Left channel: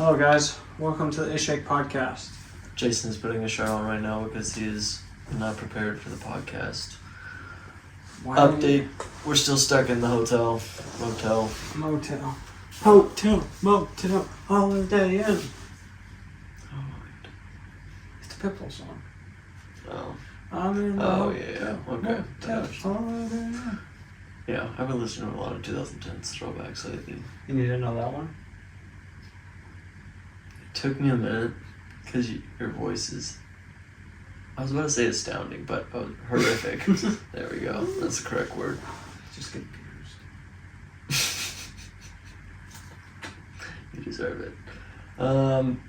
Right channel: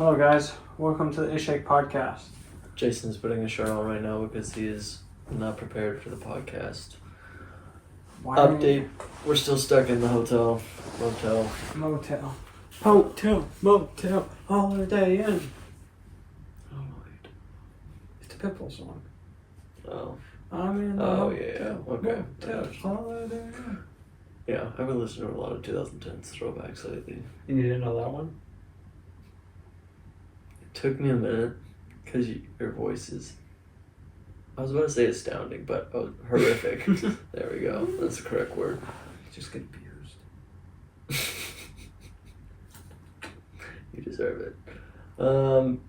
Hello guys, welcome to the Ishake podcast. Jason's putting a shirt on right now because he is not prepared for the podcast. Update, we're still stuck in the motel. Motel, Holiday Inn. It's a Pitbull song. Oh. I'm in the yeah. Okay. Motel, Holiday Inn. Yeah, I've been listening to a lot of 2010s throwbacks lately. You didn't know that one? It took me a minute because your voice is, I was about to say astounding, but horrific. There we go. That's the correct word. Just confused. You deserve it.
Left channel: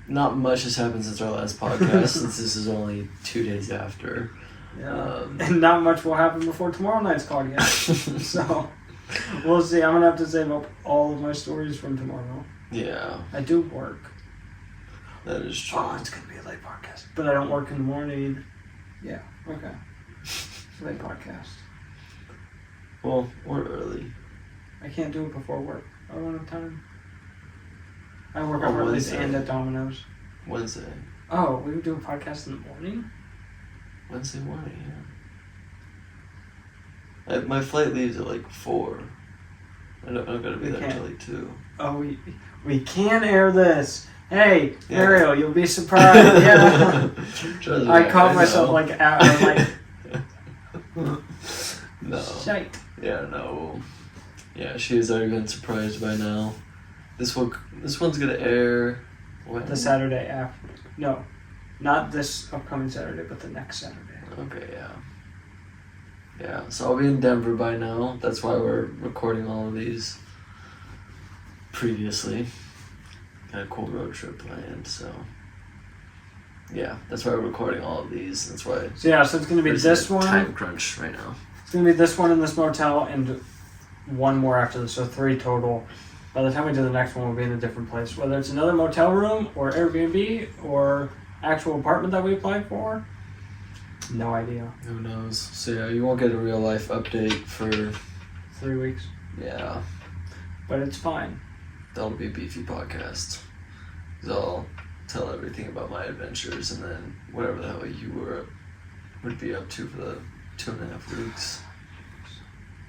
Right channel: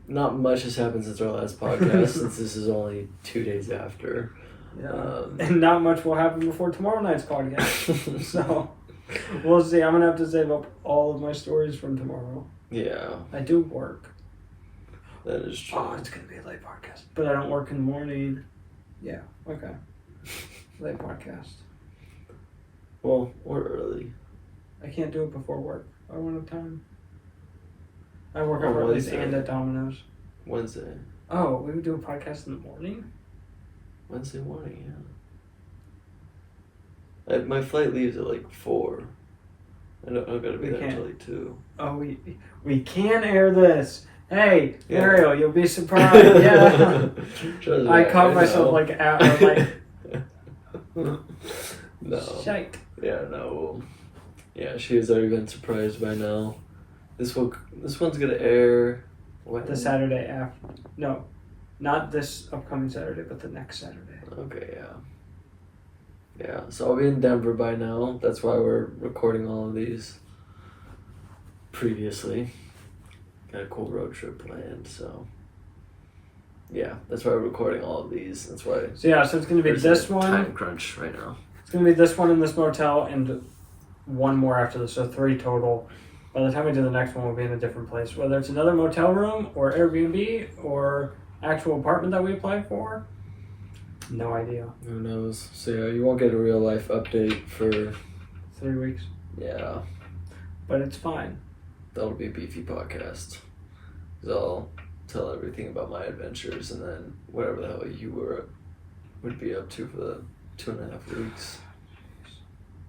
Not much has happened since our last podcast, since this is only 2 days after. Yeah. And not much will happen before tomorrow night's podcast. So, we'll see. I'm going to have to save up all of my stories from tomorrow. Yeah. I do work. That is true. Oh, it's going to be a late podcast. But I don't work in the morning. Yeah, okay. Late podcast. Well, we're early. I can't do it before work. I don't have time. I work at On Ridley's Wednesday. and at Domino's. Wednesday. Oh, we would do a podcast in the morning? Wednesday morning, yeah. My flight leaves at like 4. I gotta be there until like 2. Oh, we can air this. Hey, yeah. Ariel, you'll be surprised. Yeah. I caught myself know. like out of like. No. Shite. Yeah, no. Yeah, she has already been surprised by now. This one's gonna air. When? The Saturday after. No, not this upcoming Saturday, but the next Saturday. Okay, yeah. Yeah, so I'll be in Denver by now. That's why we're recording all of these previously. Got a cool road trip planned, so yeah, that's why we're recording all of these. That's why. So yeah, so it's gonna be this one. Time crunch right now. It's gonna be this one in this motel and one more after this, so 3 total. By the time we do the next one, we'll be in a different place. Whether it's another motel room or Airbnb or actual apartment that we applied for, no idea. Who knows? So yeah, you won't get a real life update for 3 weeks. Yeah. But it's fine. That'll be a beefy podcast. 'Cause I'll tell everything about my adventures and then whatever the hell you would be up to for the 2.5 weeks.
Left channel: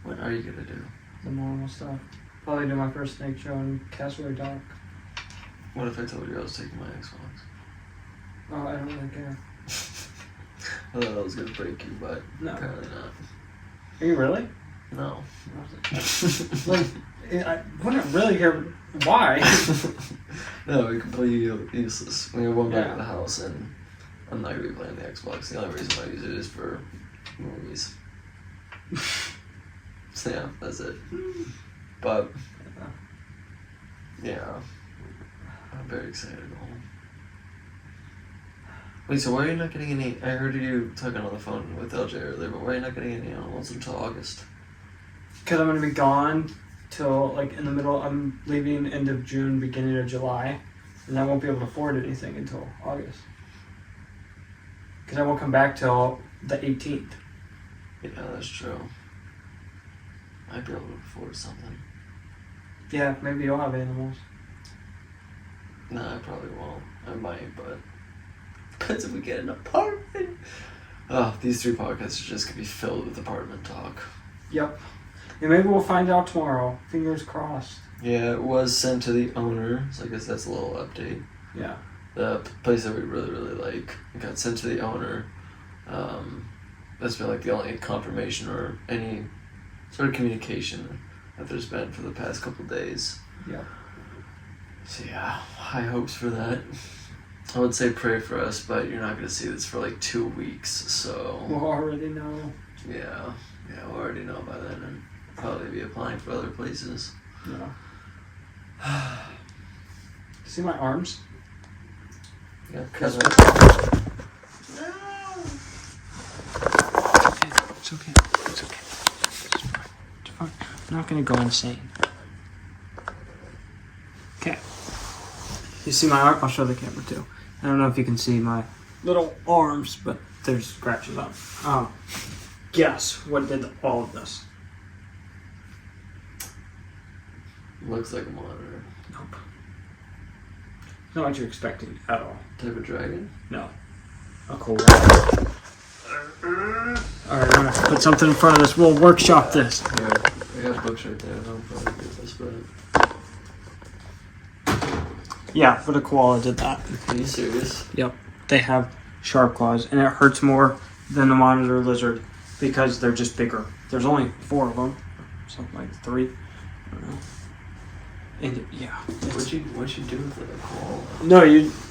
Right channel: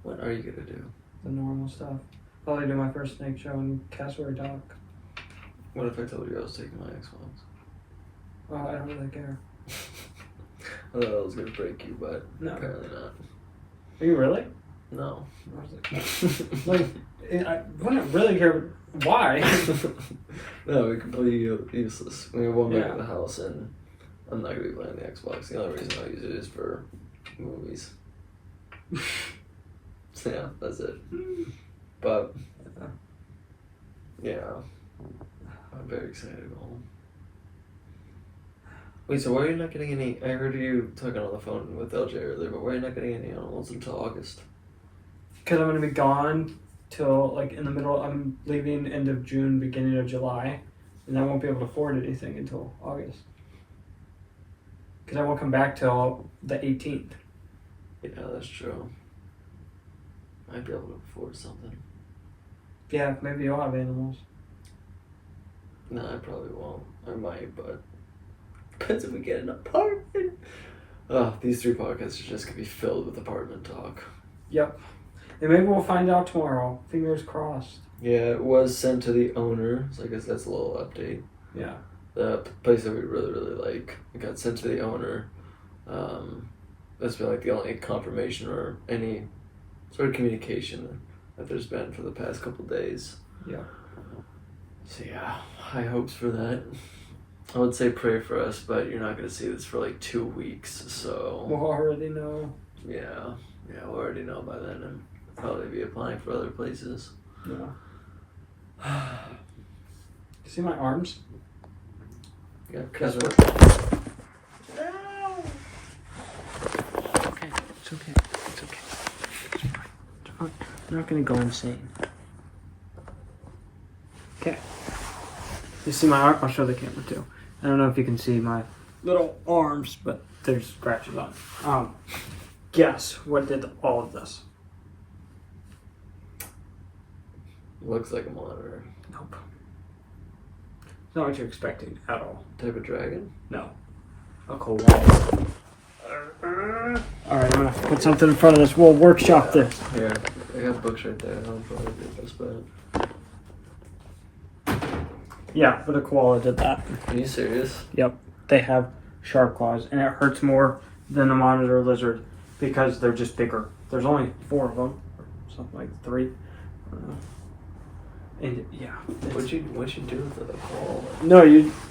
What are you gonna do? The normal stuff. Probably do my first snake show in Castaway Dock. What if I told you I was taking my Xbox? Oh, I don't really care. I thought I was gonna break you, but No. apparently not. Are you really? No. Like, I wouldn't really care. Why? No, it's completely useless. We have one bed Yeah. in the house, and I'm not gonna be playing the Xbox. The only reason I use it is for movies. So yeah, that's it. But yeah, I'm very excited to go home. Wait, so why are you not getting any? I heard you talking on the phone with LJ earlier, but why are you not getting any animals until August? Because I'm going to be gone till, like, in the middle. I'm leaving end of June, beginning of July. And I won't be able to afford anything until August. Because I won't come back till the 18th. Yeah, that's true. Might be able to afford something. Yeah, maybe you'll have animals. No, I probably won't. I might, but depends if we get an apartment. Oh, these 3 podcasts are just gonna be filled with apartment talk. Yep. And maybe we'll find out tomorrow. Fingers crossed. Yeah, it was sent to the owner, so I guess that's a little update. Yeah. The place that we really, really like, it got sent to the owner. That's been like the only confirmation or any sort of communication that there's been for the past couple days. Yep. So yeah, high hopes for that. I would say pray for us, but you're not going to see this for like 2 weeks, so... We'll already know. Yeah, we'll already know by then and probably be applying for other places. Yeah. See my arms? Yeah, Guess kinda. what? No! It's okay. It's okay. It's fine. It's fine. I'm not gonna go insane. Okay. You see my arm? I'll show the camera too. I don't know if you can see my little arms, but there's scratches on them. Guess what did all of this? Looks like a monitor. Nope. It's not what you're expecting at all. Type of dragon? No. A koala. Alright, I'm gonna put something in front of this. We'll workshop this. Here, I got books right there. I'll probably get this, but... Yeah, but a koala did that. Are you serious? Yep. They have sharp claws, and it hurts more than the monitor lizard because they're just bigger. There's only 4 of them, something like 3. I don't know. And yeah. What'd you do with the koala? No,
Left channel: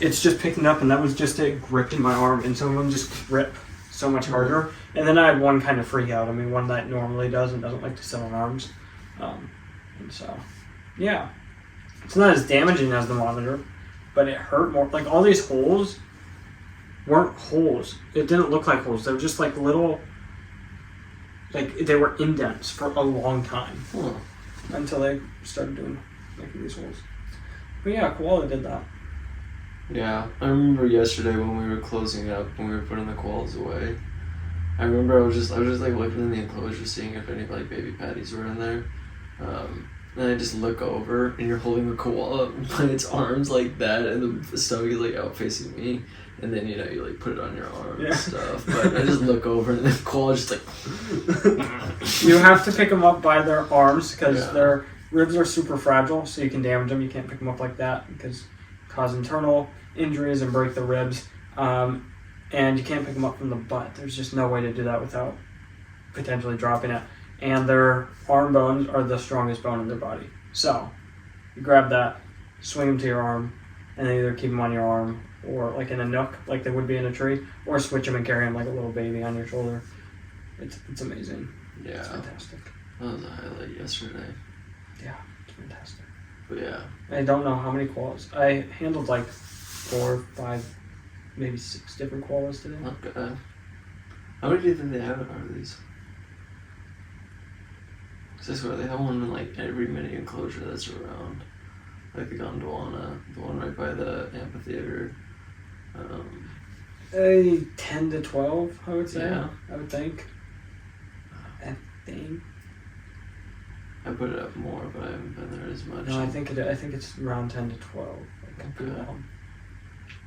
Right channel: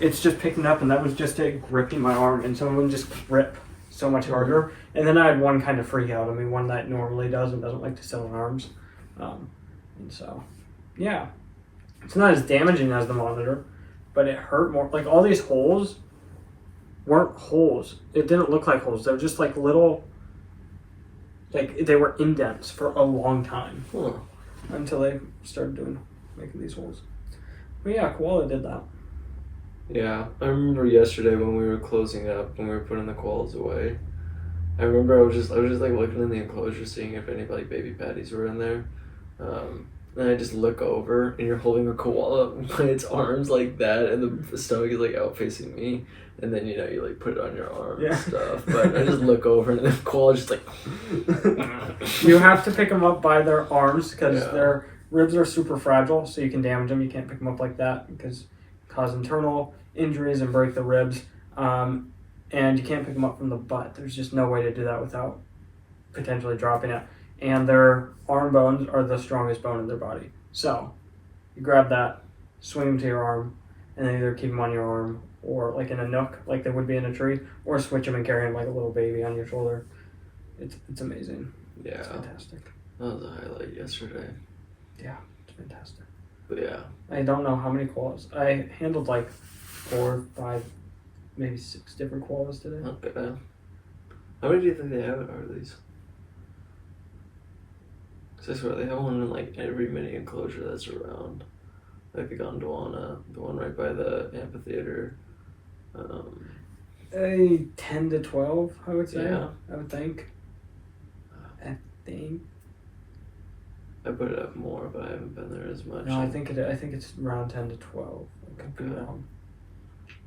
it's just picking up, and that was just it gripping my arm, and some of them just grip so much harder. And then I had one kind of freak out. I mean, one that normally doesn't like to sit on arms. And so, yeah. It's not as damaging as the monitor, but it hurt more. Like, all these holes weren't holes. It didn't look like holes. They were just like little, like they were indents for a long time. Huh. Until they started making these holes. But yeah, koala did that. Yeah, I remember yesterday when we were closing up, when we were putting the koalas away. I remember I was just like looking in the enclosure, seeing if any like baby patties were in there. And I just look over, and you're holding a koala by its arms like that, and the stomach is like out facing me. And then you like put it on your arm and stuff. But I just look over, and the koala's just like. You have to pick them up by their arms because their ribs are super fragile, so you can damage them. You can't pick them up like that because cause internal injuries and break the ribs. And you can't pick them up from the butt. There's just no way to do that without potentially dropping it. And their arm bones are the strongest bone in their body. So you grab that, swing them to your arm, and then either keep them on your arm or like in a nook, like they would be in a tree, or switch them and carry them like a little baby on your shoulder. It's amazing. Yeah. It's fantastic. That was a highlight yesterday. Yeah, it's fantastic. But yeah. I don't know how many koalas. I handled like 4, 5, maybe 6 different koalas today. Okay. How many do you think they have at Harley's? Because I swear they have one in like every mini enclosure that's around. Like the Gondwana, the one right by the amphitheater. 10 to 12, I would say. Yeah. I would think. I put it up more, but I haven't been there as much. No, I think it's around 10 to 12. I could be Okay. wrong.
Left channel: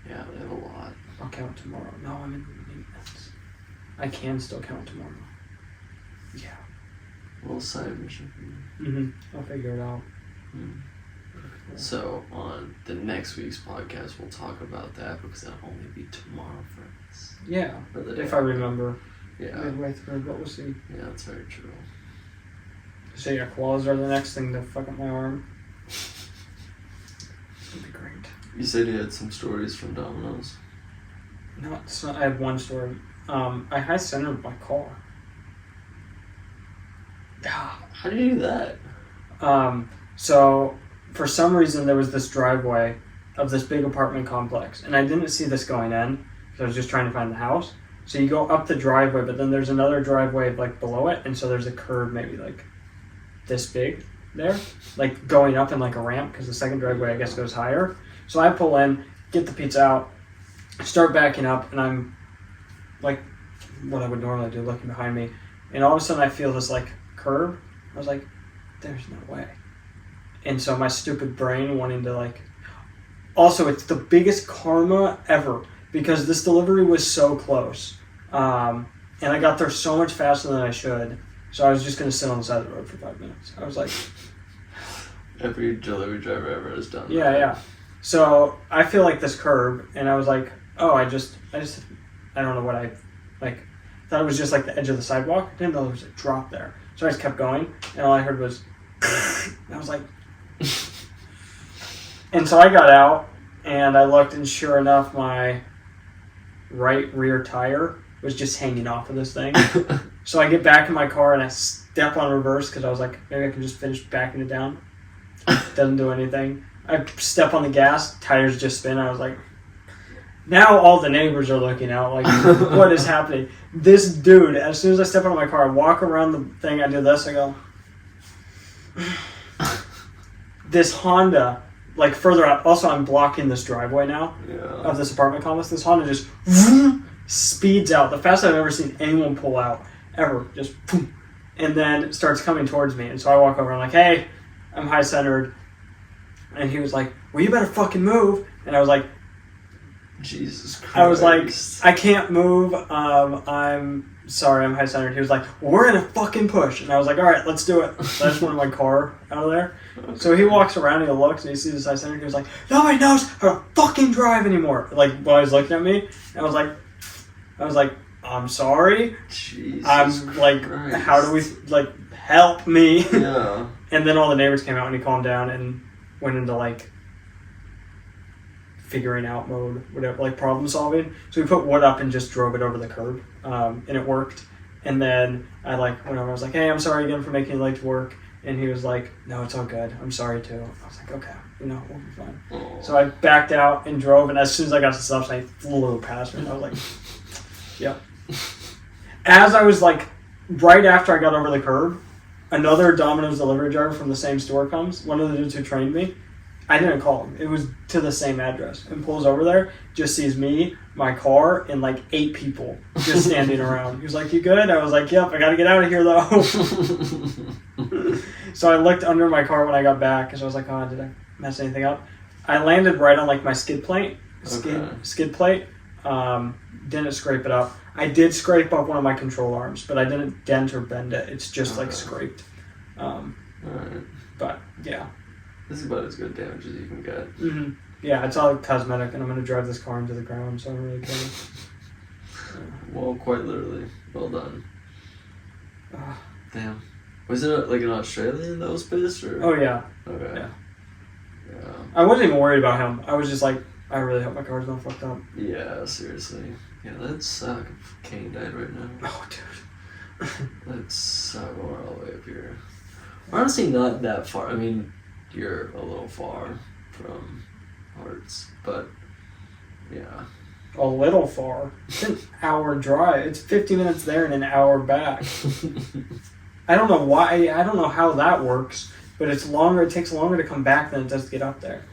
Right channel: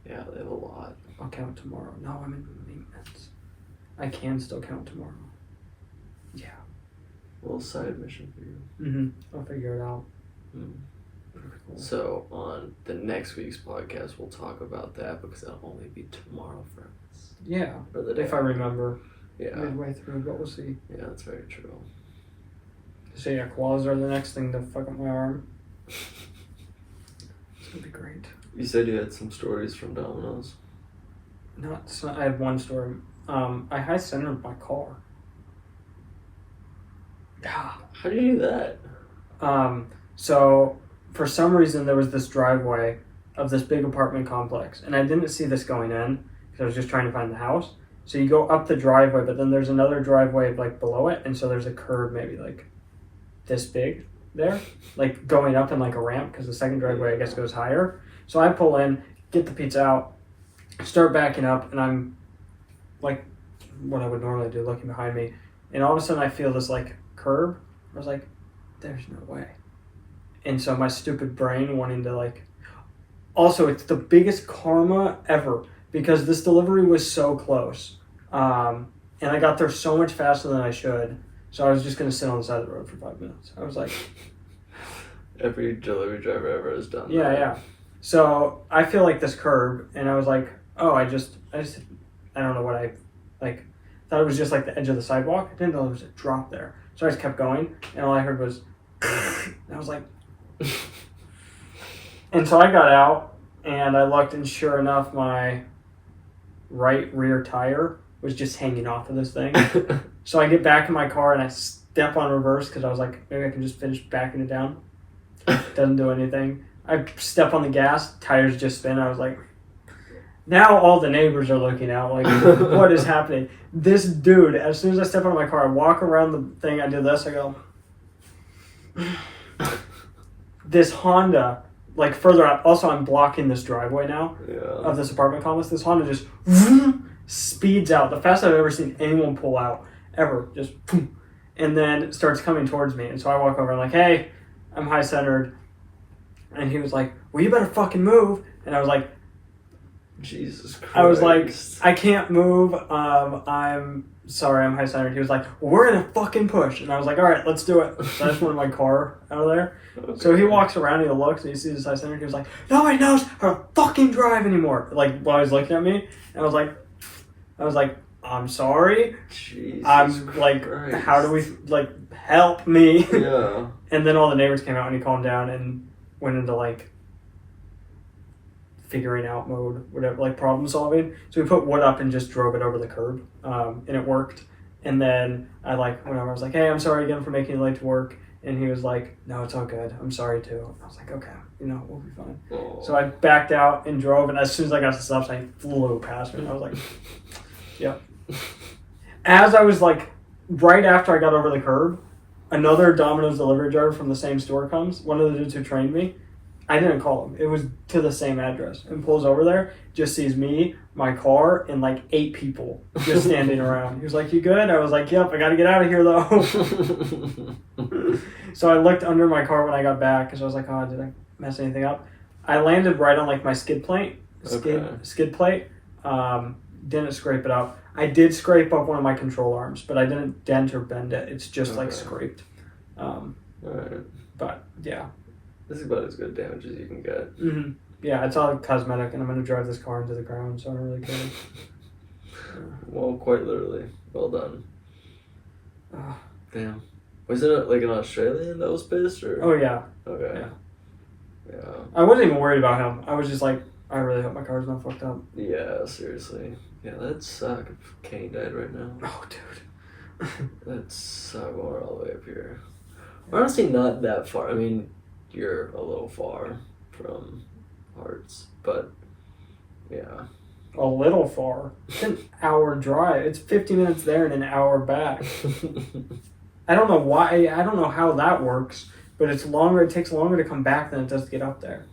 Yeah, they have a lot. I'll count tomorrow. No, I'm in maintenance. I can still count tomorrow. Yeah. A little side mission for you. I'll figure it out. So on the next week's podcast, we'll talk about that because that'll only be tomorrow for us. Yeah. Or the day If I remember. Yeah. Midway through, but we'll see. Yeah, that's very true. So yeah, koalas are the next thing to fuck up my arm. It'd be great. You said you had some stories from Domino's. No, I have one story. I high centered my car. How do you do that? So for some reason there was this driveway of this big apartment complex, and I didn't see this going in because I was just trying to find the house. So you go up the driveway, but then there's another driveway like below it, and so there's a curb maybe like this big there, like going up in like a ramp because the second driveway I guess goes higher. So I pull in, get the pizza out, start backing up, and I'm like what I would normally do, looking behind me, and all of a sudden I feel this like curb. I was like, there's no way. And so my stupid brain wanting to like, also it's the biggest karma ever because this delivery was so close. And I got there so much faster than I should. So I was just going to sit on the side of the road for 5 minutes. I was like... Every delivery driver ever has done that. Yeah. So I feel like this curb, and I was like, oh, I don't know what I, like, thought it was just like the edge of the sidewalk. I didn't know there was a drop there. So I just kept going, and all I heard was, and I was like... And so I got out, and I looked, and sure enough, my right rear tire was just hanging off of this thing. So I get back in my car, and I step on reverse, because I was like, maybe I can just finish backing it down. Doesn't do anything. I step on the gas, tires just spin. I was like, now all the neighbors are looking out, like, what is happening? This dude, as soon as I step out of my car, I walk around the thing, I do this, I go... This Honda, like further out, also I'm blocking this driveway now of this apartment complex. This Honda just speeds out, the fastest I've ever seen anyone pull out, ever. Just, and then it starts coming towards me. And so I walk over, I'm like, hey, I'm high centered. And he was like, well, you better fucking move. And I was like, Jesus Christ. I was like, I can't move. I'm sorry, I'm high centered. He was like, we're in a fucking push. And I was like, all right, let's do it. So I just wanted my car out of there. Okay. So he walks around, he looks, and he sees this high centered. He was like, nobody knows how to fucking drive anymore. Like, when I was looking at me, and I was like, I'm sorry. Jesus I'm like, Christ. how do we, like, help me? Yeah. And then all the neighbors came out and he calmed down and went into like figuring out mode, whatever, like problem solving. So we put wood up and just drove it over the curb, and it worked. And then I like went over, I was like, hey, I'm sorry again for making you late to work. And he was like, no, it's all good. I'm sorry too. I was like, okay, we'll be fine. Oh. So I backed out and drove, and as soon as I got to the stop sign, he flew past me. And I was like, yep. As I was like, right after I got over the curb, another Domino's delivery driver from the same store comes. One of the dudes who trained me. I didn't call him. It was to the same address. And pulls over there, just sees me, my car, and like 8 people just standing around. He was like, you good? I was like, yep, I gotta get out of here though. So I looked under my car when I got back because I was like, oh, did I mess anything up? I landed right on like my skid plate. Skid plate. Didn't scrape it up. I did scrape up one of my control arms, but I didn't dent or bend it. It's just like scraped. Alright. But yeah. This is about as good damage as you can get. Mm-hmm. Yeah, it's all cosmetic, and I'm going to drive this car into the ground, so I don't really care. Well, quite literally. Well done. Damn. Was it like an Australian that was pissed? Or? Oh, yeah. Okay. Yeah. Yeah. I wasn't even worried about him. I was just like, I really hope my car's not fucked up. Yeah, seriously. Yeah, that'd suck if Kane died right now. Oh, dude. That'd suck. We're all the way up here. We're honestly not that far. I mean, you're a little far from Hearts, but yeah. A little far. It's an hour drive. It's 50 minutes there and an hour back. I don't know why. I don't know how that works, but it's longer. It takes longer to come back than it does to get up there.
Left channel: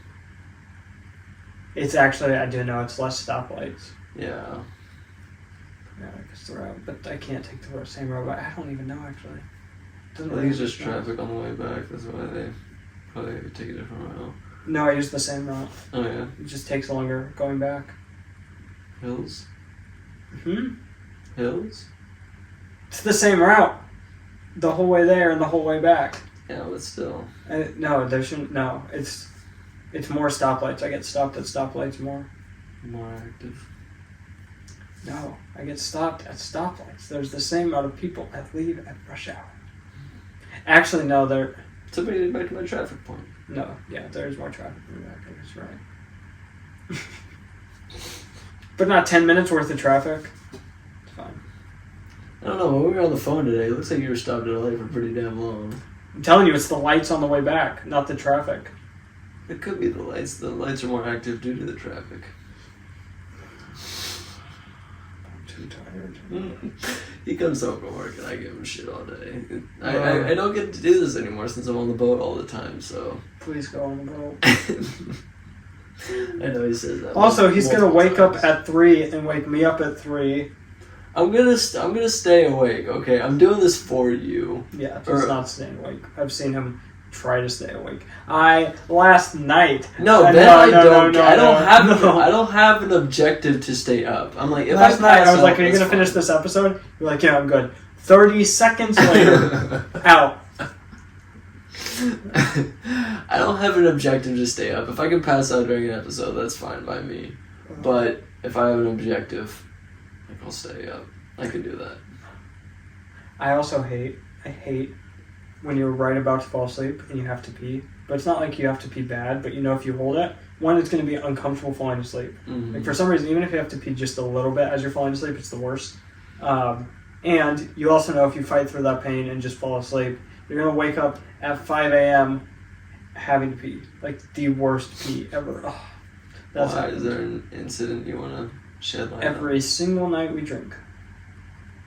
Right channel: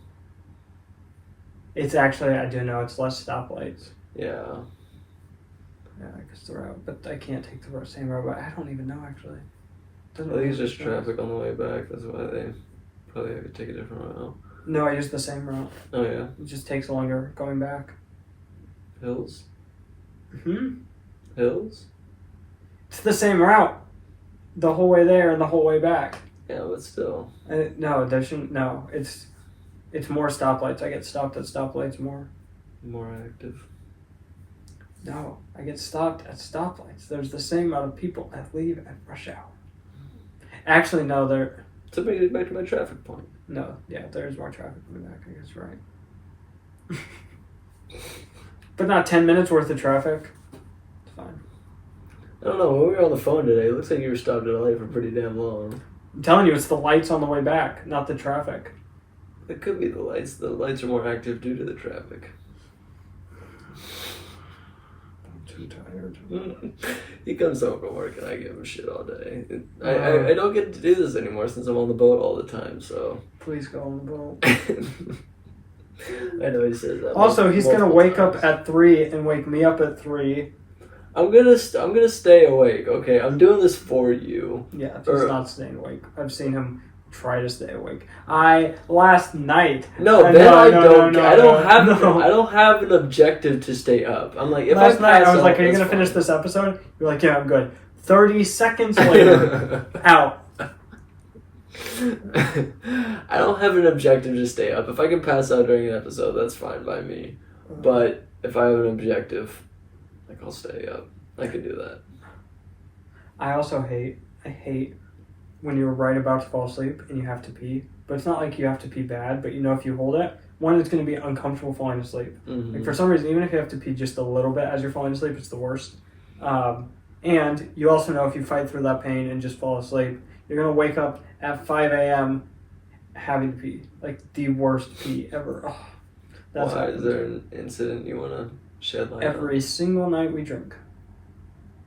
It's actually, I do know, it's less stoplights. Yeah. Yeah, I guess the route, but I can't take the same road. But I don't even know actually. I think it's just traffic on the way back. That's why they probably have to take a different route. No, I use the same route. Oh yeah. It just takes longer going back. Hills. Hmm. Hills. It's the same route, the whole way there and the whole way back. Yeah, but still. No, there shouldn't. No, it's more stoplights. I get stopped at stoplights more. More active. No, I get stopped at stoplights. There's the same amount of people that leave at rush hour. Actually, no, there. So bring it back to my traffic point. No, yeah, there's more traffic in the back. I guess right. But not 10 minutes worth of traffic. It's fine. I don't know. When we were on the phone today, it looks like you were stopped at a light for pretty damn long. I'm telling you, it's the lights on the way back, not the traffic. It could be the lights. The lights are more active due to the traffic. I'm too tired. He comes home from work and I give him shit all day. I don't get to do this anymore since I'm on the boat all the time, so. Please go on the boat. I know he says that. Also, he's gonna wake times. up at 3 and wake me up at 3. I'm gonna stay awake. Okay, I'm doing this for you. Yeah, he's not staying awake. I've seen him try to stay awake. Last night. No, then I don't no. have an objective to stay up. I'm like, if Last I night, pass I was out, like, "Are you that's gonna finish fine. this episode?" You're like, "Yeah, I'm good." 30 seconds later, out. I don't have an objective to stay up. If I can pass out during an episode, that's fine by me. But if I have an objective, like, I'll stay up. I can do that. I hate when you're right about to fall asleep and you have to pee. But it's not like you have to pee bad, but you know if you hold it, one, it's going to be uncomfortable falling asleep. Mm-hmm. Like for some reason, even if you have to pee just a little bit as you're falling asleep, it's the worst. And you also know if you fight through that pain and just fall asleep, you're going to wake up at 5 a.m. having to pee. Like the worst pee ever. Oh, that's Why? Is there an incident you want to shed light on? every single night we drink.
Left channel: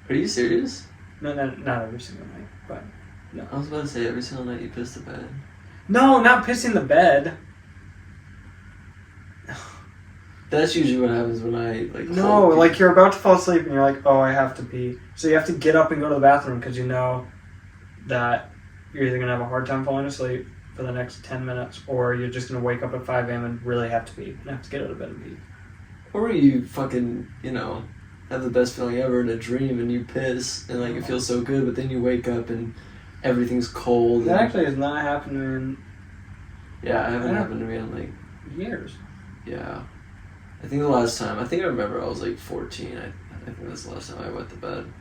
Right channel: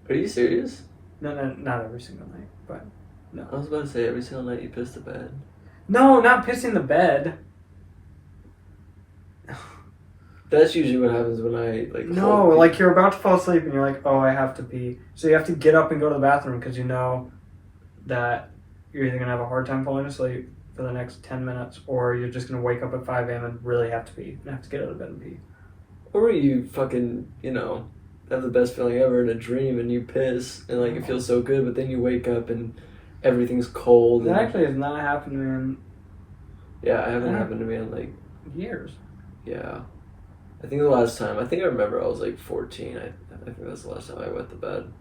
Are you serious? No, not every single night, but no. I was about to say every single night you piss the bed. No, not pissing the bed. That's usually what happens when I like. No, hold pee. like you're about to fall asleep and you're like, oh, I have to pee. So you have to get up and go to the bathroom because you know that you're either going to have a hard time falling asleep for the next 10 minutes, or you're just going to wake up at 5 a.m. and really have to pee. You have to get out of bed and pee. Or you fucking, have the best feeling ever in a dream and you piss and, like, it feels so good, but then you wake up and everything's cold. That and, actually has not happened to me in yeah, it hasn't happened to me in, like, years. yeah. I think the last time, I remember I was, like, 14. I think that's the last time I went to bed.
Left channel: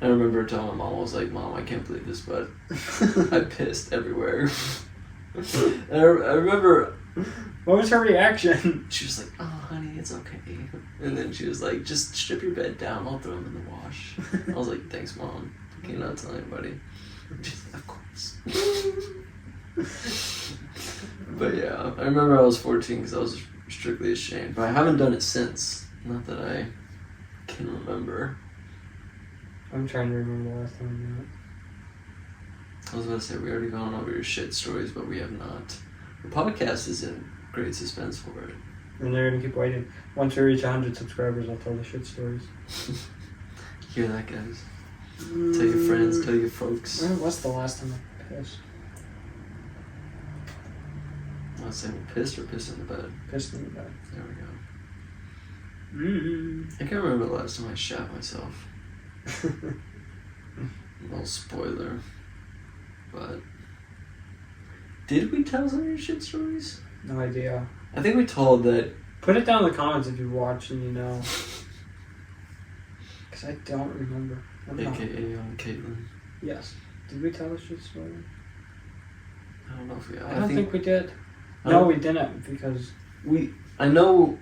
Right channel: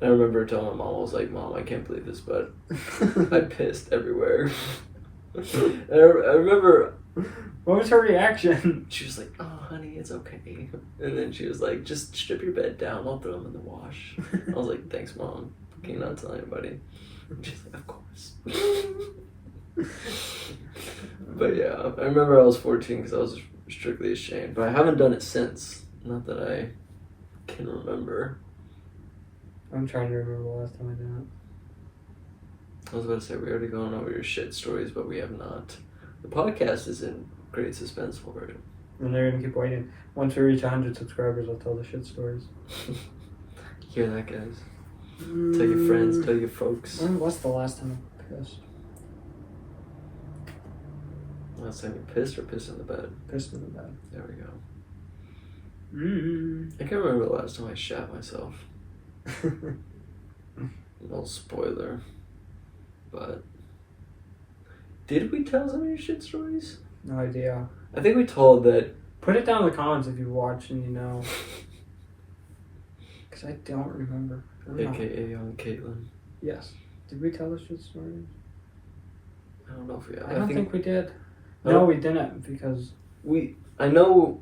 And I remember telling my mom, I was like, Mom, I can't believe this, but I pissed everywhere. And I remember... What was her reaction? She was like, oh, honey, it's okay. And then she was like, just strip your bed down. I'll throw them in the wash. I was like, thanks, Mom. Can you not tell anybody? And she's like, of course. But yeah, I remember I was 14 because I was strictly ashamed. But I haven't done it since. Not that I can remember. I'm trying to remember the last time I did it. I was about to say, we already gone over your shit stories, but we have not. The podcast is in great suspense for it. And they're going to keep waiting. Once we reach 100 subscribers, I'll tell the shit stories. Hear that, guys? Tell your friends, tell your folks. When was the last time I pissed? Last time you pissed or pissed in the bed? Pissed in the bed. There we go. Mm. I can't remember the last time I shat myself. No spoiler. But did we tell some of your shit stories? No idea. I think we told that. Put it down in the comments if you watch and you know. Because I don't remember. AKA Young Caitlin. Yes. Did we tell the shit story? I don't know if we have. I don't think we did. I No, don't- we didn't because... I know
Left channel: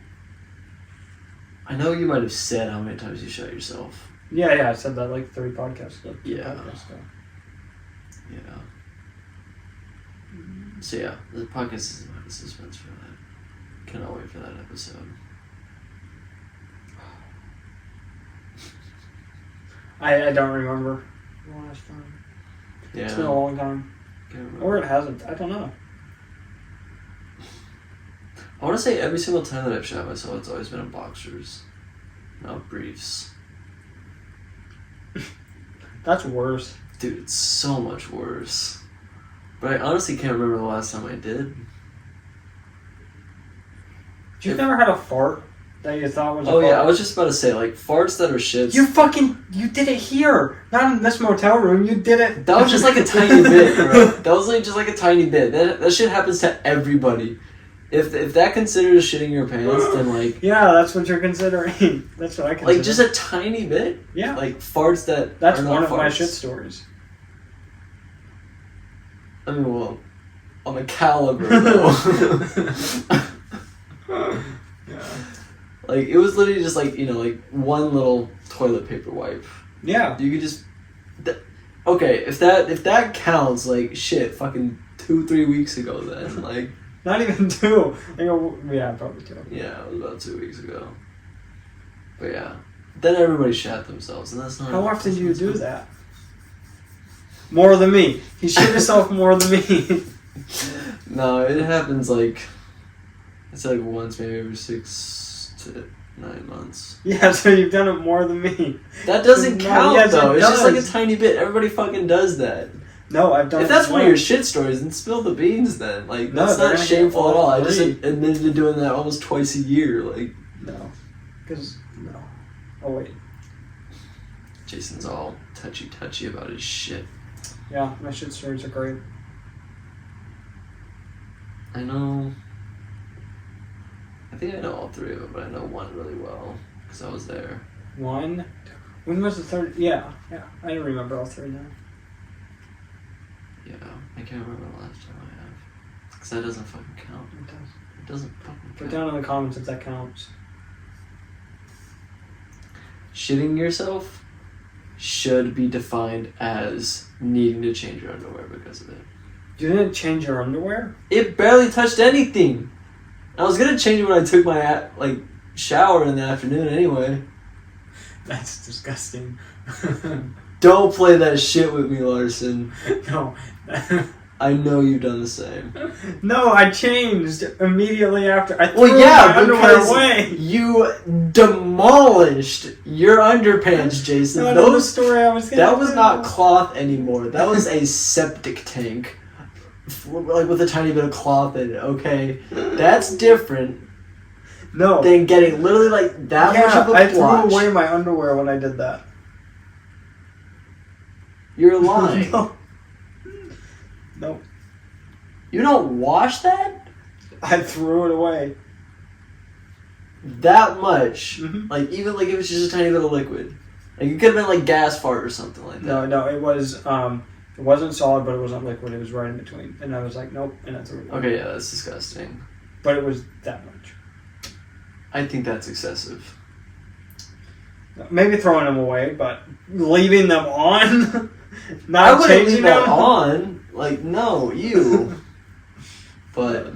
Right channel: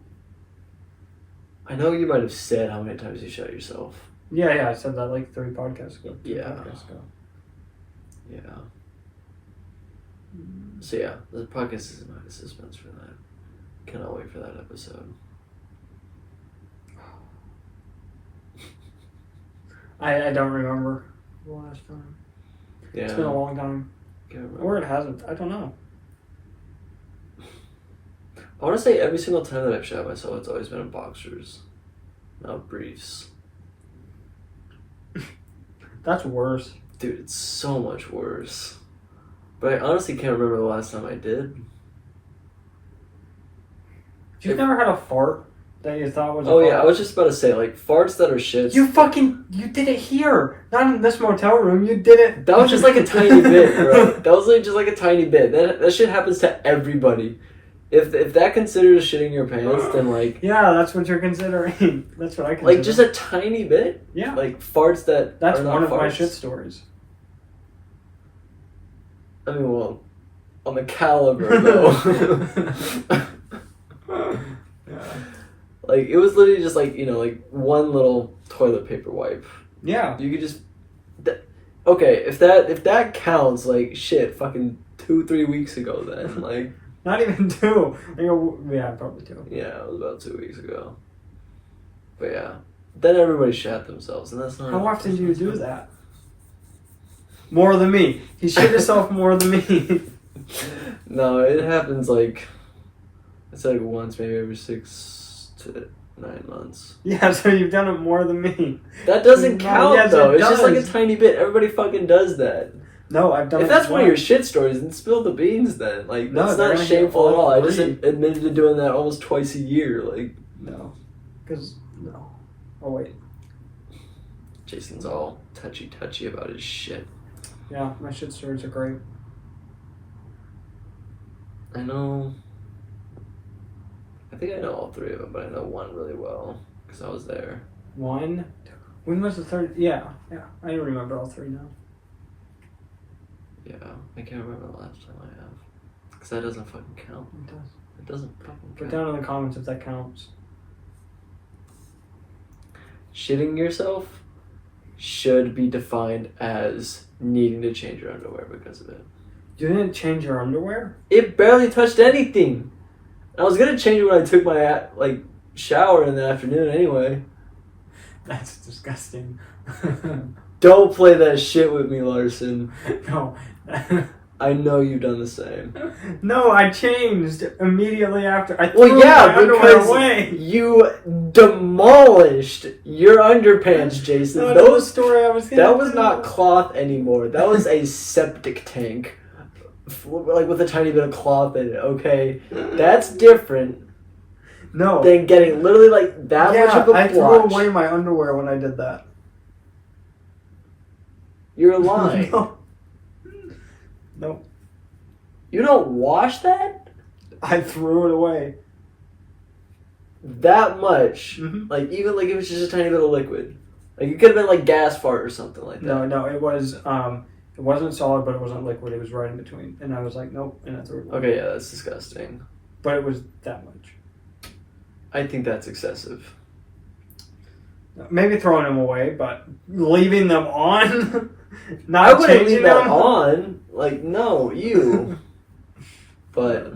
you might have said how many times you shot yourself. Yeah, I said that like 3 podcasts ago. Yeah. Podcasts ago. Yeah. So yeah, the podcast is in the suspense for that. Cannot wait for that episode. I don't remember the last time. Yeah. It's been a long time. Can't remember. Or it hasn't. I don't know. I want to say every single time that I've shot myself, it's always been in boxers, not briefs. That's worse. Dude, it's so much worse. But I honestly can't remember the last time I did. You've never had a fart that you thought was a Oh fart? yeah, I was just about to say, like, farts that are shits. You did it here! Not in this motel room, you did it... That was just like a tiny bit, bro. That was like just like a tiny bit. That shit happens to everybody. If that considers shitting your pants, then like... Yeah, that's what you're considering. That's what I consider. Like, just a tiny bit? Yeah. Like, farts that That's are not one of farts. my shit stories. I mean, well, on the caliber, though. Yeah. Like, it was literally just like, like one little toilet paper wipe. Yeah. You could just... Okay, if that counts, like, shit, fucking 2-3 weeks ago then, like... Not even 2. Yeah, probably 2. Yeah, it was about 2 weeks ago. But yeah. Then everybody shat themselves, and that's not... How often do you do that? More than me. You shit yourself more than me. No, it happens like... It's like once, maybe every 6 to 9 months. Yeah, so you've done it more than me. That doesn't No, count, yes, though. it It's just like a does. tiny bit. Everybody fucking does that. No, I've done If it that's one of your once. shit stories, then spill the beans then. Like, No, that's they're not gonna shameful get at all. I just 3. admitted to doing that almost twice a year. Like, No. Because, no. Oh, wait. Jason's all touchy about his shit. Yeah, my shit stories are great. I know... I think I know all 3 of them, but I know one really well. Because I was there. 1. When was the 3rd? Yeah. I don't remember all 3 now. Yeah, I can't remember the last time I have. Because that doesn't fucking count. It does. It doesn't fucking Put count. down in the comments if that counts. Shitting yourself should be defined as needing to change your underwear because of it. You didn't change your underwear? It barely touched anything. I was gonna change it when I took my shower in the afternoon anyway. That's disgusting. Don't play that shit with me, Larson. No. I know you've done the same. No, I changed immediately after. I Well, threw yeah, my underwear because away. you demolished your underpants, Jason. That was the Those story I was gonna That was do. not cloth anymore. That was a septic tank like with a tiny bit of cloth in it. Okay, that's different No. than getting literally like that much of a I threw blotch. away my underwear when I did that. You're lying. No. Nope. You don't wash that I threw it away. that much. Mhm. Like even like if it's just a tiny bit of liquid. Like it could have been like gas fart or something like that. No, it was it wasn't solid, but it wasn't liquid. It was right in between, and I was like, nope, and I threw it away. Okay, yeah, that's disgusting. But it was that much. I think that's excessive. Maybe throwing them away, but leaving them on. I Not wouldn't changing leave that them. on. Like no, you. But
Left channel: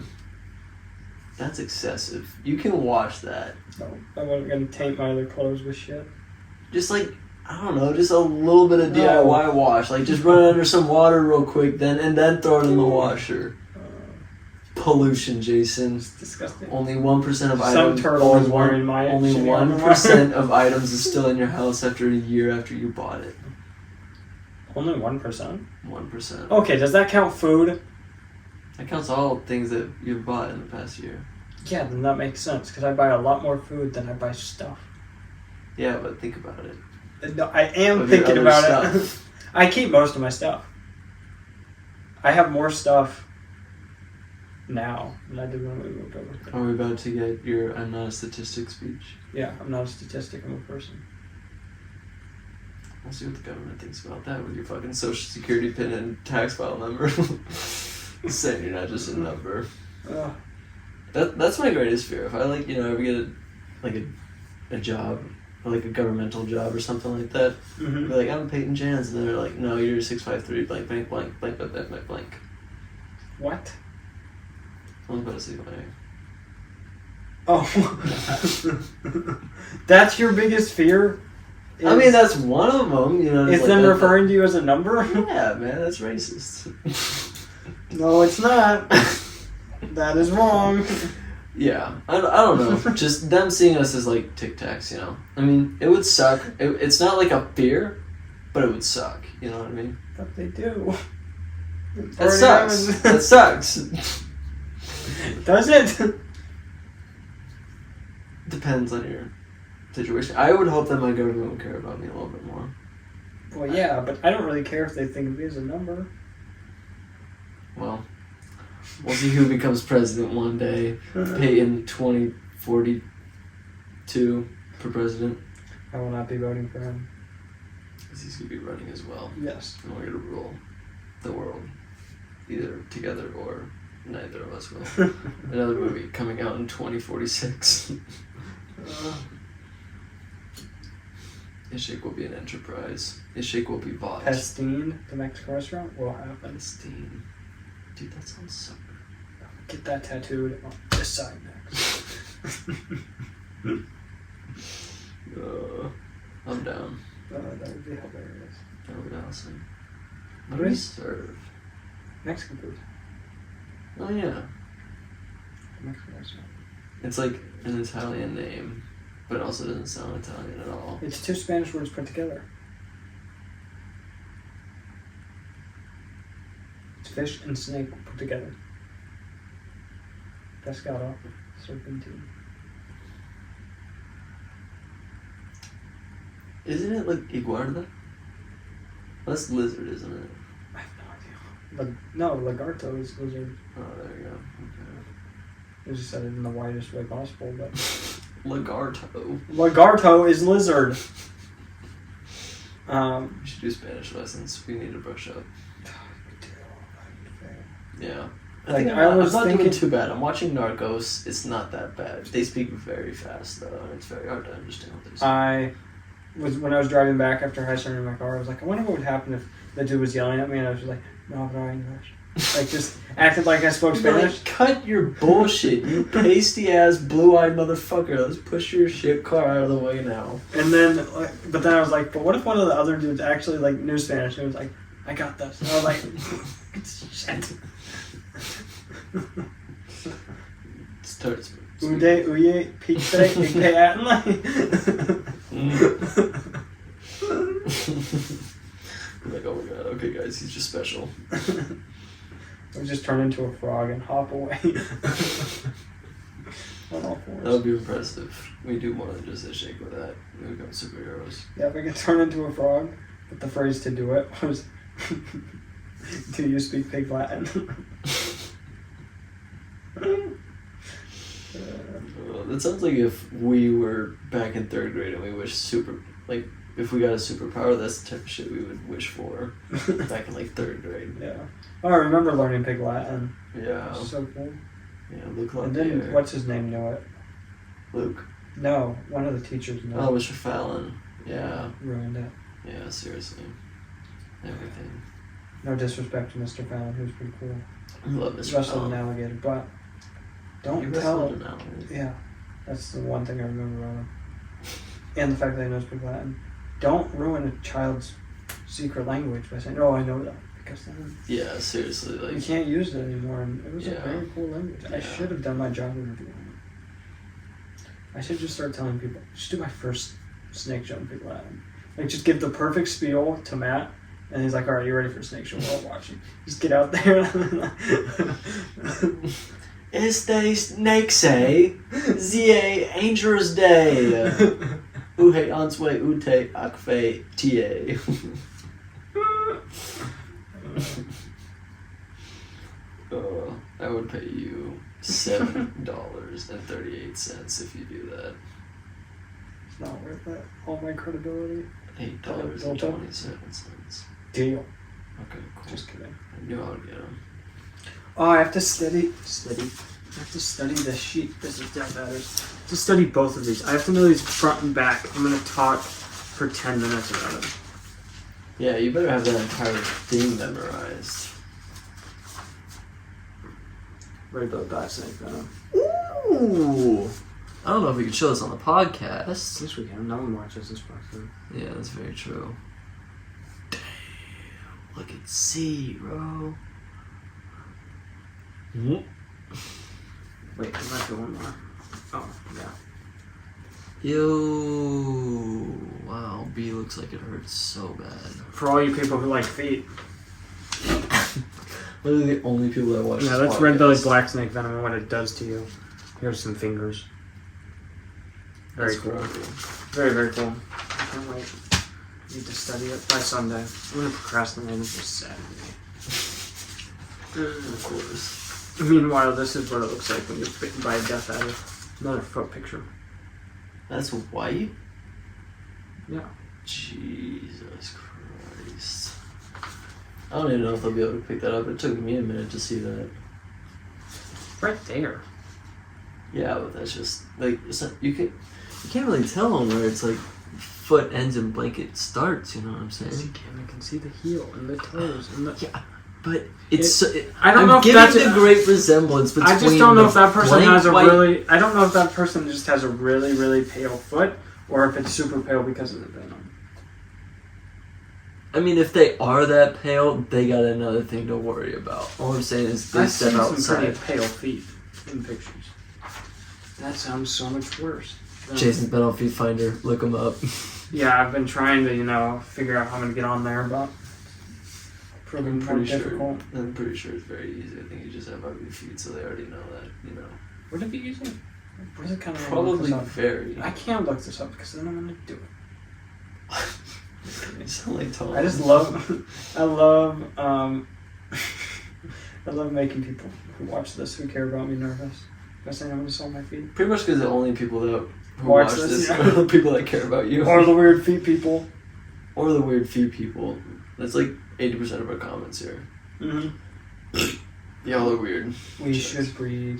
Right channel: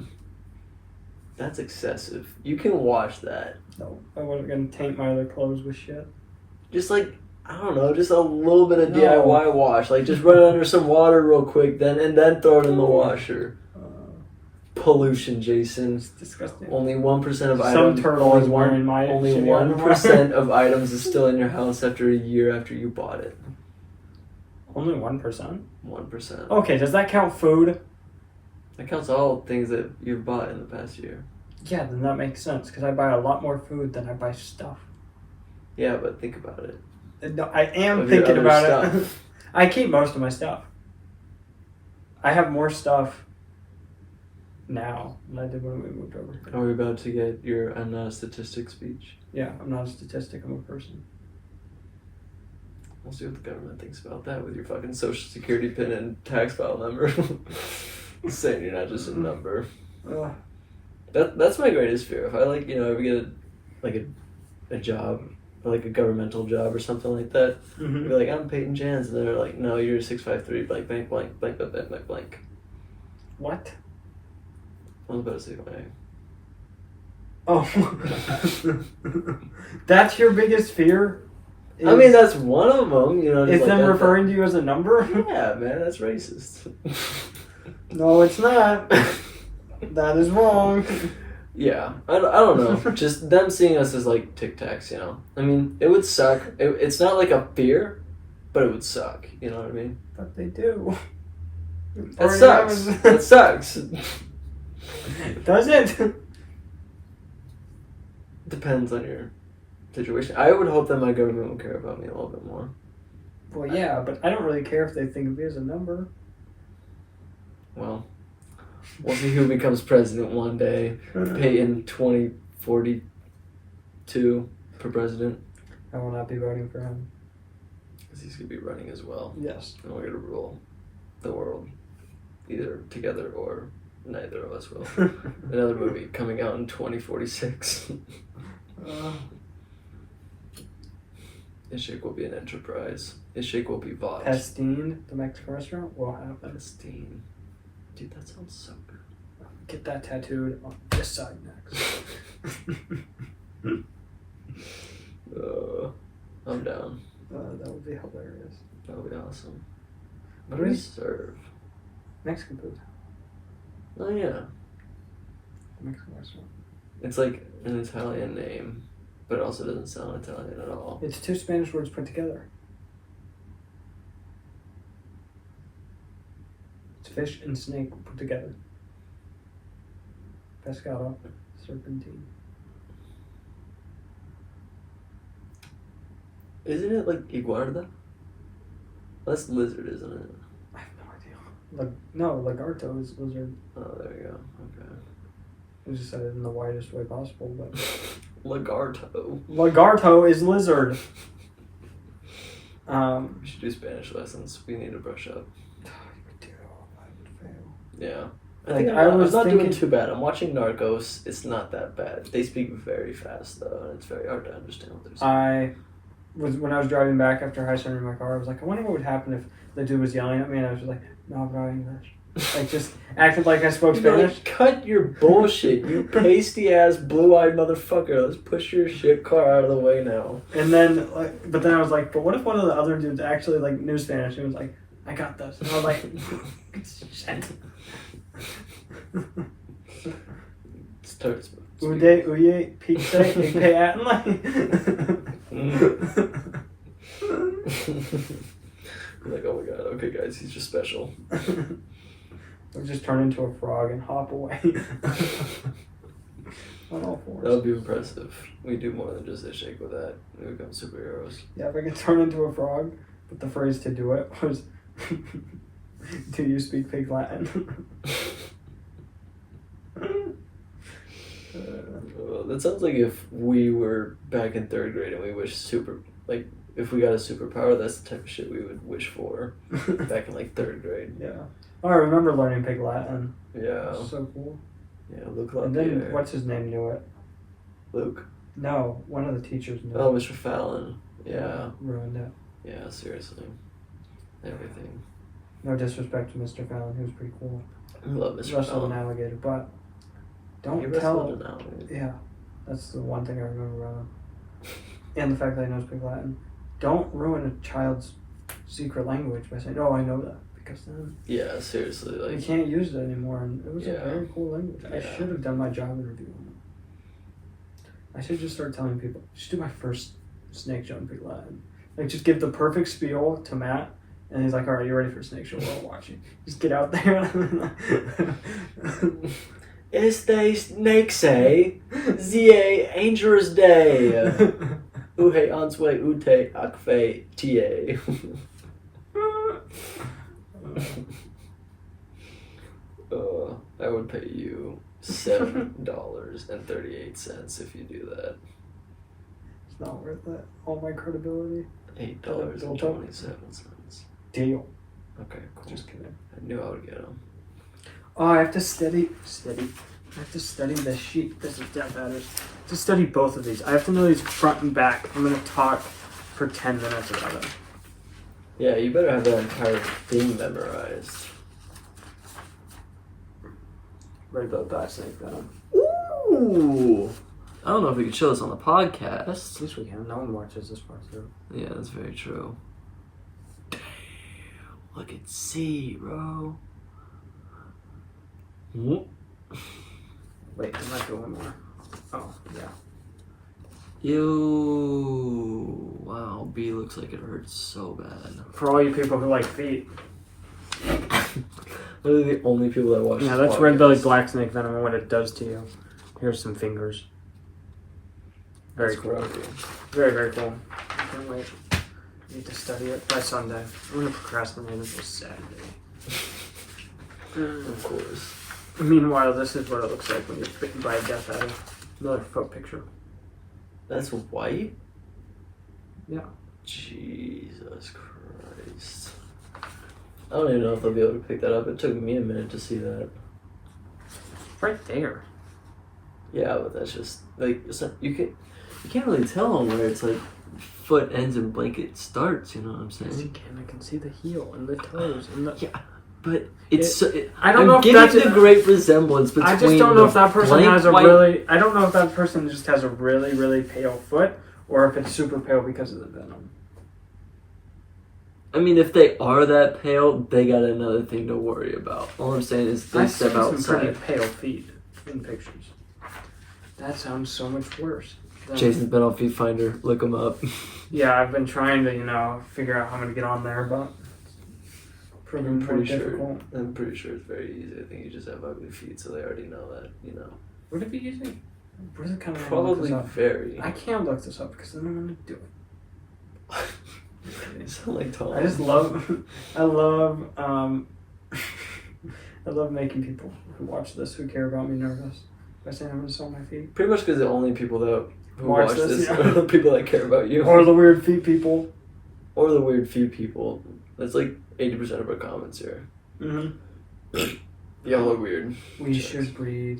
that's excessive. You can wash that. No, I wasn't gonna taint my other clothes with shit. Just like I don't know, just a little bit of No. DIY wash. Like just run it under some water real quick, and then throw it in the washer. Pollution, Jason. It's disgusting. Only 1% of Some items. turtle only is wearing my Only shitty 1% of items is still in your house after a year after you bought it. Only 1%. 1%. Okay, does that count food? That counts all things that you've bought in the past year. Yeah, then that makes sense because I buy a lot more food than I buy stuff. Yeah, but think about it. No, I am Of your thinking other about it. stuff. I keep most of my stuff. I have more stuff now than I did when we moved over. Are we about to get your "I'm not a statistic" speech? Yeah, I'm not a statistic. I'm a person. We'll see what the government thinks about that with your fucking social security pin and tax file number. Saying you're not just a number. Ugh. That's my greatest fear. If I ever get a job, or like a governmental job or something like that, I'd Mhm. be like, I'm Peyton Jans, and they're like, no, you're 653 blank blank blank blank blank blank blank blank. What? I was about to say blank. Oh. That's your biggest fear? I mean, that's one of them. You know, Is like them that- referring to you as a number? Yeah, man, that's racist. No, it's not. That is wrong. Yeah, I don't know. Just them seeing us as like Tic Tacs, you know. I mean, it would suck. It's not like a fear, but it would suck. You know what I mean? But they do. That sucks. That sucks. Does it? Depends on your situation. I would hope that my government would care about me a little bit more. Well, yeah, but I don't really care if they think of me as a number. Well, we'll see who becomes president one day. Peyton 2042 for president. I will not be voting for him. Because he's going to be running as well. Yes. And we're going to rule the world. Either together or neither of us will. Another movie coming out in 2046. Ishik will be an enterprise. Ishik will be bought. Pestine, the Mexican restaurant, will have them. Pestine. Dude, that sounds so good. Get that tattooed on this side next. I'm down. That would be hilarious. That would be awesome. What do we serve? Mexican food. Oh yeah. The Mexican restaurant. It's like an Italian name, but it also doesn't sound Italian at all. It's two Spanish words put together. It's fish and snake put together. Pescado, serpentine. Isn't it like iguarda? That's lizard, isn't it? I have no idea. No, lagarto is lizard. Oh, there you go. Okay. I just said it in the widest way possible, but Lagarto. lagarto is lizard. We should do Spanish lessons. We need to brush up. Yeah. I Like, think I I'm was not thinking- doing too bad. I'm watching Narcos. It's not that bad. They speak very fast, though, and it's very hard to understand what they're saying. When I was driving back after high school in my car, I was like, I wonder what would happen if the dude was yelling at me, and I was just like, no, but I'm English. Like, just acted like I spoke You'd be Spanish. like, cut your bullshit, you pasty-ass, blue-eyed motherfucker. Let's push your shit car out of the way now. And then, but then I was like, but what if one of the other dudes actually like knew Spanish and was like, I got this. And I was like, shit. Start Ude, uye, pizza, ike, atlai. Like, oh my god, okay guys, he's just special. We'll just turn into a frog and hop away. On all That fours. would be impressive. We do more than just a shake with that. We become superheroes. Yeah, if I could turn into a frog, but the phrase to do it was, "Do you speak pig Latin?" That sounds like if we were back in 3rd grade and we wished if we got a superpower, that's the type of shit we would wish for back in like 3rd grade. Yeah. Oh, I remember learning pig Latin. Yeah. It was so cool. Yeah, Luke loved And then, it. what's his name knew it? Luke. No, one of the teachers knew Oh, it. Mr. Fallon. Yeah. Ruined it. Yeah, seriously. Everything. No disrespect to Mr. Fallon, who's pretty cool. I love Mr. Wrestled an Fallon. alligator, but He don't wrestled tell. an alligator. Yeah, that's the one thing I remember about him. And the fact that he knows pig Latin. Don't ruin a child's secret language by saying, "Oh, I know that," because then Yeah, seriously. you Like, can't use it anymore. And it was a Yeah. very cool language. I Yeah. should have done my job interview on it. I should just start telling people. I should do my first snake show in pig Latin. Like, just give the perfect spiel to Matt. And he's like, "All right, you ready for a snake show? We're all watching." Just get out there. Este snake say, Zie Angel's Day. Uhe Answe Ute Akfe Ta. I would pay you $7.38 if you do that. It's not worth it. All my credibility. $8.27. Deal. Okay, cool. Just kidding. I knew I would get them. Oh, I have to study. I have to study the sheet. This is dead batteries. To study both of these. I have to know these front and back. I'm gonna talk for 10 minutes about it. Yeah, you better have that entire thing memorized. Right about that snake venom. Ooh! I don't know if we could show this on the podcast. At least we can. No one watches this part through. Yeah, that's very true. Damn, look at zero. Wait, I might do one more. Oh, yeah. Yo, wow, B looks like it hurts so bad. For all you people who like feet. Literally the only people that watch Yeah, this that's podcast. red-bellied black snake venom and what it does to you. Here's some fingers. Very That's cool. crazy. Very, very cool. Can't wait. Need to study it by Sunday. I'm gonna procrastinate until Saturday. Of course. Meanwhile, this is what it looks like when you get bitten by a death adder. Another foot picture. That's white? Yeah. Jesus Christ. I don't even know if I'll be able to pick that up. It took me a minute to see that. Right there. Yeah, but that's just like it's not, you can't really tell where it's like foot ends and blanket starts. You know what I'm Yes, you saying? can. You can see the heel and the toes and the. Yeah, but it's I don't know I'm if getting that's the great resemblance between. I just don't know the if that person blank has a white- really. I don't know if that person just has a really, really pale foot, or if it's super pale because of the venom. I mean, if they are that pale, they got another thing to worry about. All I'm saying is they I've step seen some outside. pretty pale feet in pictures. That sounds so much worse. Jason's been on Feet Finder. Look him up. Yeah, I've been trying to, figure out how I'm gonna get on there, but proving I'm more pretty sure. difficult. I'm pretty sure it's very easy. I think you just have ugly feet, so they already know that. You know. Would it be easy? Where's it kind of Probably look this very. up? I can't look this up because then I'm gonna do it. You sound like Tom. I just love, I love making people who watch this who care about me nervous by saying I'm gonna sell my feet. Pretty much because the only people that who Watch watch this, this yeah. are the people that care about you. Or the weird feet people. Or the weird feet people. That's like 80% of our comments here. Mm-hmm. Y'all are weird. We Jokes. should breed.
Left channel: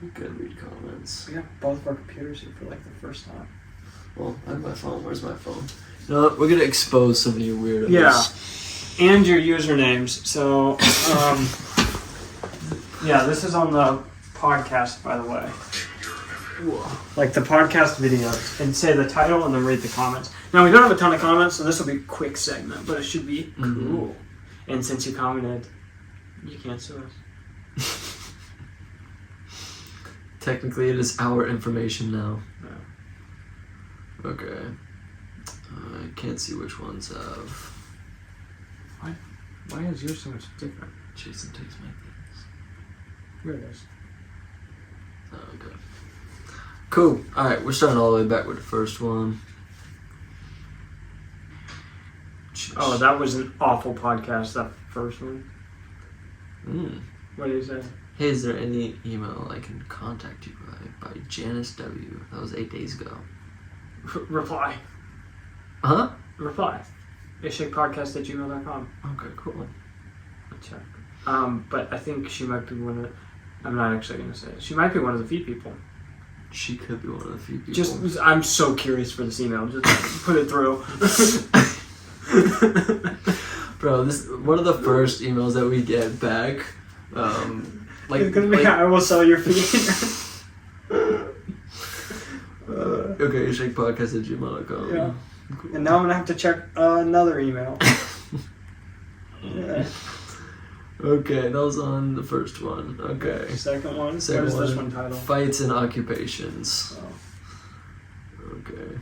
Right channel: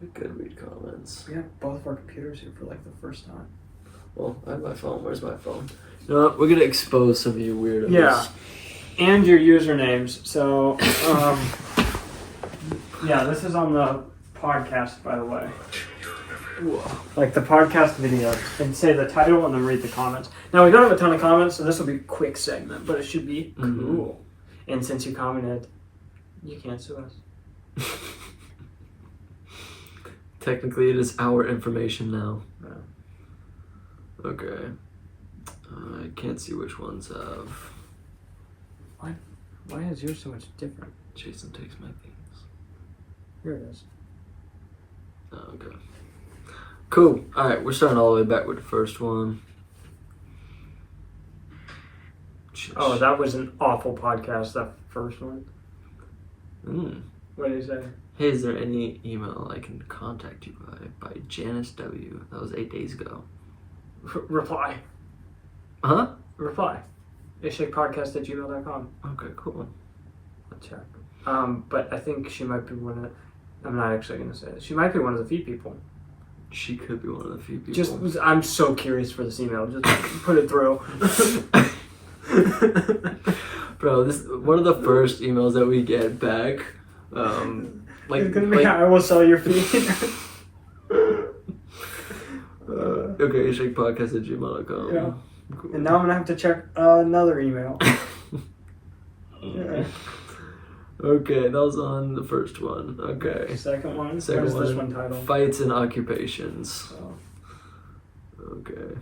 We could read comments. We have both of our computers here for like the first time. Well, I have my phone. Where's my phone? No, we're gonna expose some of you weirdos. Yeah. And your usernames. So, yeah, this is on the podcast, by the way. Whoa. Like the podcast video, and say the title and then read the comments. Now, we don't have a ton of comments, so this will be a quick segment, but it should be cool. And since you commented, you can't sue us. Technically, it is our information now. Yeah. Okay. I can't see which ones have. What? Why is yours so much different? Jason takes my things. Here it is. Oh, okay. Cool. Alright, we're starting all the way back with the first one. Oh, that was an awful podcast, that first one. What do you say? Hey, is there any email I can contact you by Janice W? That was 8 days ago. Reply. Huh? Reply. ishakepodcast@gmail.com. Okay, cool. I'll check. But I think she might be one of... I'm not actually going to say it. She might be one of the few people. She could be one of the few people. I'm so curious for this email. Just put it through. Bro, this one of the first emails that we get back. It's gonna be, I will sell your feed. Okay, shakepodcast@gmail.com. Yeah. Cool. And now I'm gonna have to check another email. Yeah. Okay, that was on the first one. Okay. Second one. Second what is one. this one titled? Fights and occupations. Oh. Okay.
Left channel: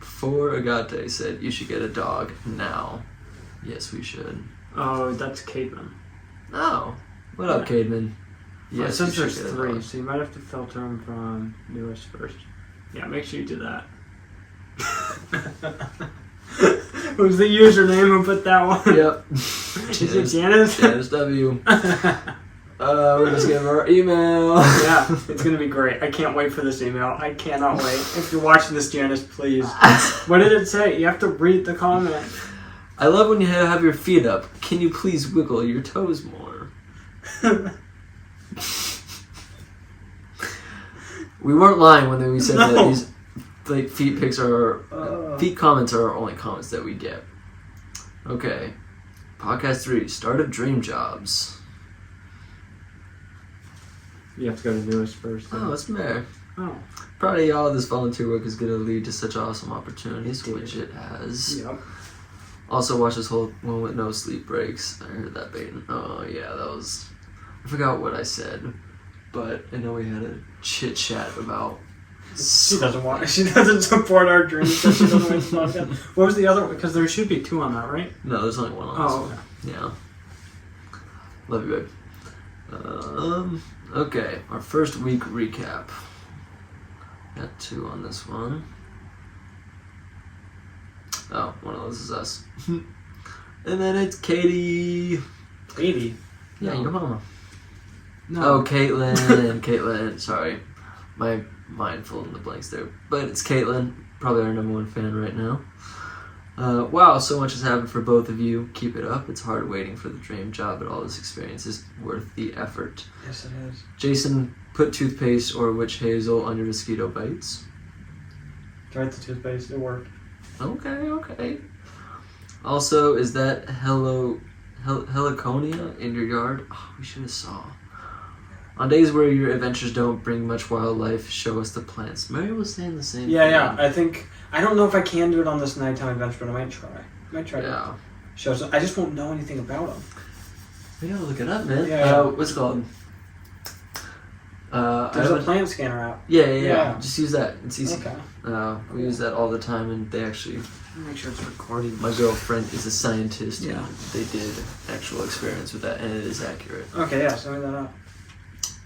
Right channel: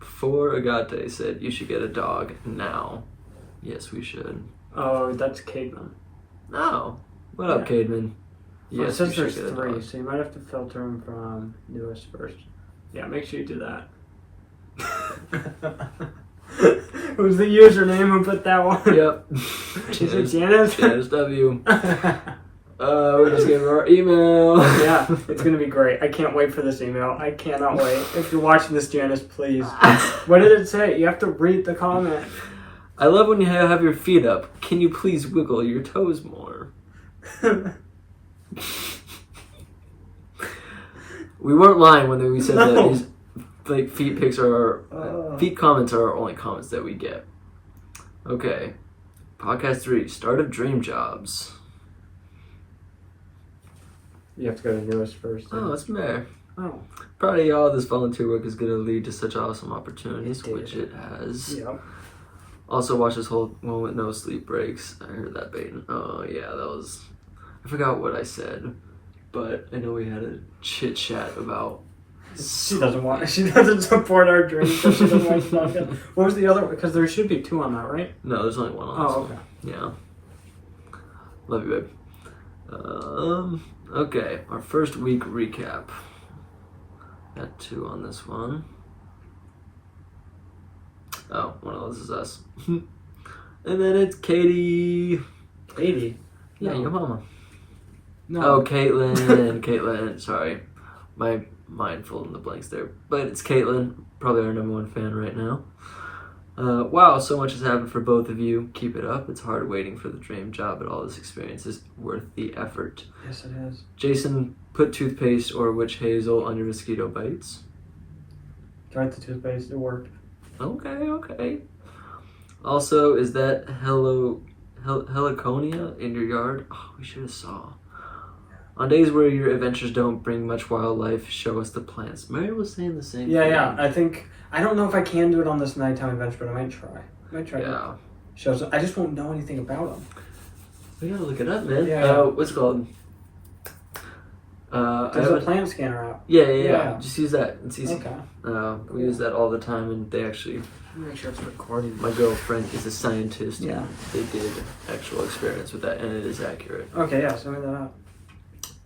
Before Agate said you should get a dog now. Yes, we should. Oh, that's Caitlin. No. What up, Cademan? Yes, Yes, it you says should there's get a 3, dog. so you might have to filter them from newest first. Yeah, make sure you do that. Who's the username who put that one? Yep. Is it Janice? Janice W. We're just gonna our email. Yeah, it's gonna be great. I can't wait for this email. I cannot wait. If you're watching this, Janice, please. What did it say? You have to read the comment. I love when you have your feet up. Can you please wiggle your toes more? We weren't lying when we said that No. these like feet pics are feet comments are our only comments that we get. Okay, podcast 3, start of dream jobs. You have to go to newest first. Oh, it's fair. Oh. Proud of y'all. This volunteer work is going to lead to such awesome opportunities, It did. which it has. Yep. Also, watch this whole one with no sleep breaks. I heard that baiting. Oh, yeah, that was... I forgot what I said, but I know we had a chit-chat about... She doesn't want. She doesn't support our dreams. So she doesn't watch the podcast. What was the other one? Because there should be 2 on that, right? No, there's only one on this Oh, one. Yeah. Love you, babe. Okay, our first week recap. Got 2 on this one. Oh, one of those is us. And then it's Katie. Katie. Yeah, No. your mama. No. Oh, Caitlin and Caitlin. Sorry, my mind full in the blanks there. But it's Caitlin, probably our #1 fan right now. Wow, so much has happened for both of you. Keep it up. It's hard waiting for the dream job, but all this experience is worth the effort. Yes, it is. Jason, put toothpaste or witch hazel on your mosquito bites. Tried the toothpaste. It worked. Okay. Also, is that heliconia in your yard? Oh, we should have saw. On days where your adventures don't bring much wildlife, show us the plants. Mary was saying the same thing. Yeah. I don't know if I can do it on this nighttime adventure, but I might try. Yeah. Shows. I just won't know anything about them. We gotta look it up, man. Yeah. What's it called? There's a plant scanner app. Yeah. Yeah. Just use that. It's easy. Okay. We use that all the time, and they actually... Make sure it's recording. My girlfriend is a scientist, Yeah. and they did actual experiments with that, and it is accurate. Okay, yeah, send me that up.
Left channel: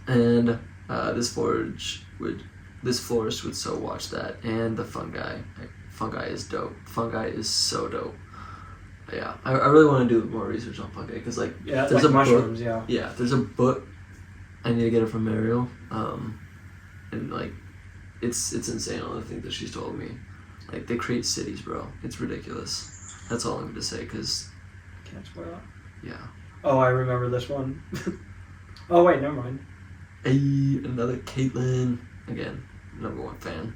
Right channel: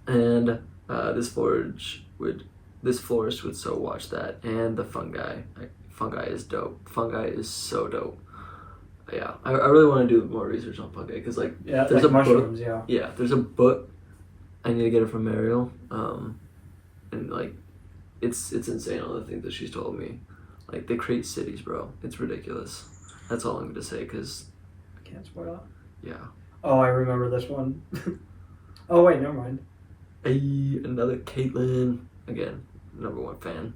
And this florist would so watch that, and the fungi. Fungi is dope. Fungi is so dope. Yeah, I really want to do more research on fungi because Yeah, there's like a mushrooms, book. Yeah, there's a book. I need to get it from Ariel, and it's insane all the things that she's told me. Like they create cities, bro. It's ridiculous. That's all I'm going to say because Can't spoil it. yeah. Oh, I remember this one. Oh, wait, never mind. Hey, another Caitlin. Again, #1 fan.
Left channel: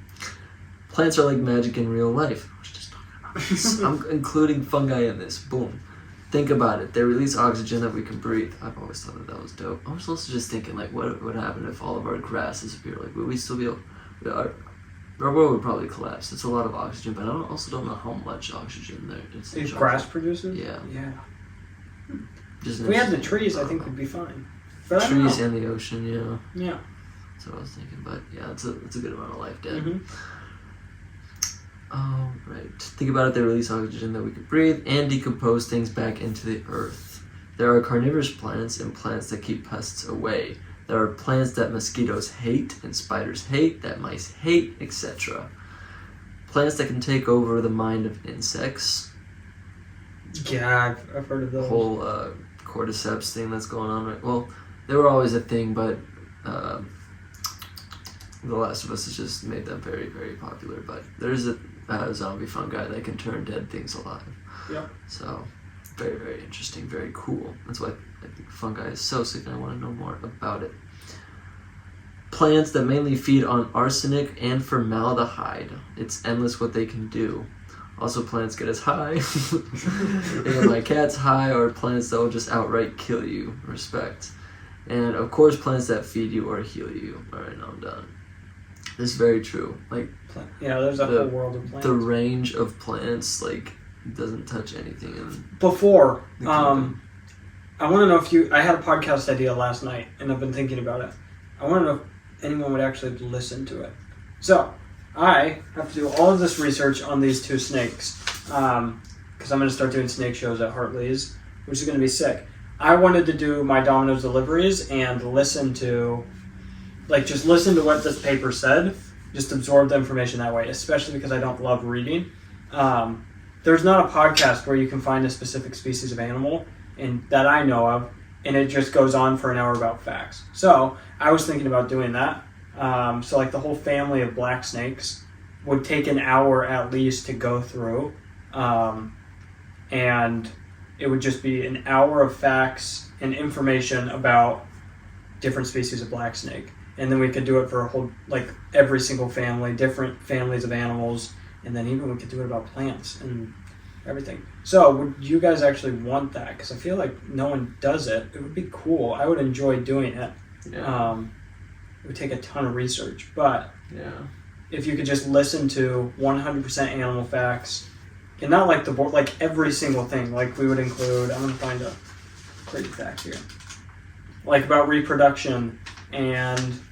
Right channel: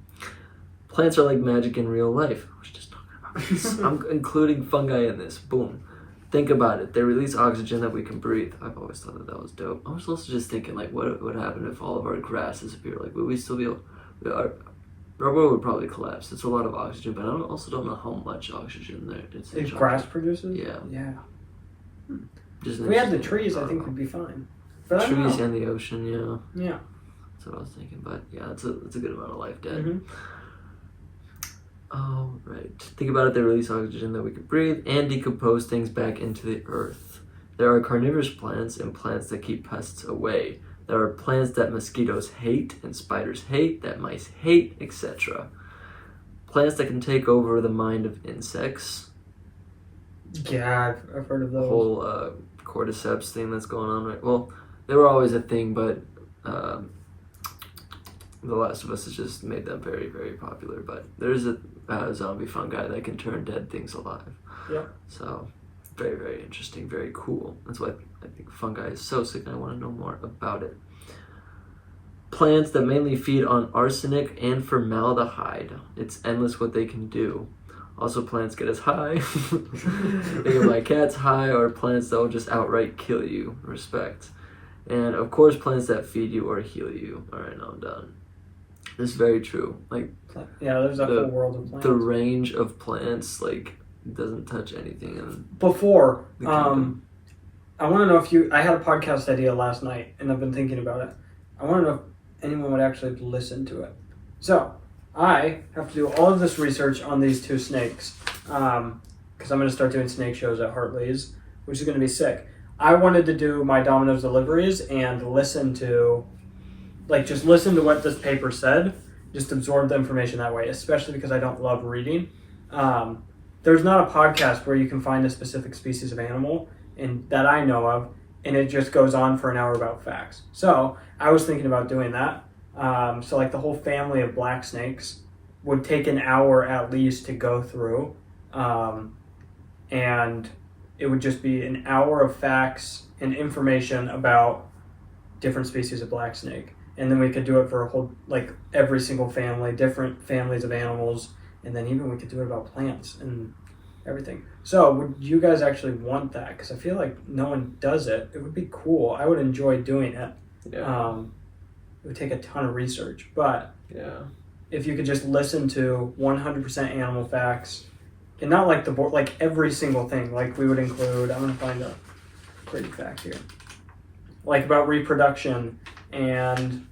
Plants are like magic in real life. I was just talking about this. I'm including fungi in this. Boom. Think about it. They release oxygen that we can breathe. I've always thought that was dope. I was also just thinking, what would happen if all of our grass disappeared? Like, would we still be able... Our world would probably collapse. It's a lot of oxygen, but I also don't know how much oxygen there is. If grass produces? Yeah. Yeah. Just If we had the interesting. trees, I think we'd be fine. But I don't Trees know. and the ocean, yeah. Yeah. That's what I was thinking, but yeah, it's a good amount of life dead. Mm-hmm. Oh, right. Think about it, they release oxygen that we can breathe and decompose things back into the earth. There are carnivorous plants and plants that keep pests away. There are plants that mosquitoes hate and spiders hate, that mice hate, etc. Plants that can take over the mind of insects. Yeah, I've heard of The those. whole cordyceps thing that's going on, right? Well, they were always a thing, but The Last of Us has just made them very, very popular. But there's a zombie fungi that can turn dead things alive. Yeah. So, very, very interesting, very cool. That's why I think fungi is so sick and I want to know more about it. Plants that mainly feed on arsenic and formaldehyde. It's endless what they can do. Also, plants get us high. They get my cats high, or plants that will just outright kill you. Respect. And of course, plants that feed you or heal you. Alright, now I'm done. This is very true. Like, Yeah, there's a whole world of plants. the range of plants, like, doesn't touch anything in Before, the kingdom. I want to know if you. I had a podcast idea last night, and I've been thinking about it. I want to know if anyone would actually listen to it. So, I have to do all of this research on these two snakes, because I'm going to start doing snake shows at Hartley's, which is going to be sick. I wanted to do my Domino's deliveries and listen to what this paper said, just absorb the information that way, especially because I don't love reading. There's not a podcast where you can find a specific species of animal and that I know of, and it just goes on for an hour about facts. So I was thinking about doing that. So like the whole family of black snakes would take an hour at least to go through, and it would just be an hour of facts and information about different species of black snake. And then we could do it for a whole, like every single family, different families of animals, and then even we could do it about plants and everything. So would you guys actually want that? Because I feel like no one does it. It would be cool. I would enjoy doing it. Yeah. It would take a ton of research, but Yeah. if you could just listen to 100% animal facts, and not like the board, like every single thing, like we would include, I'm going to find a great fact here, like about reproduction and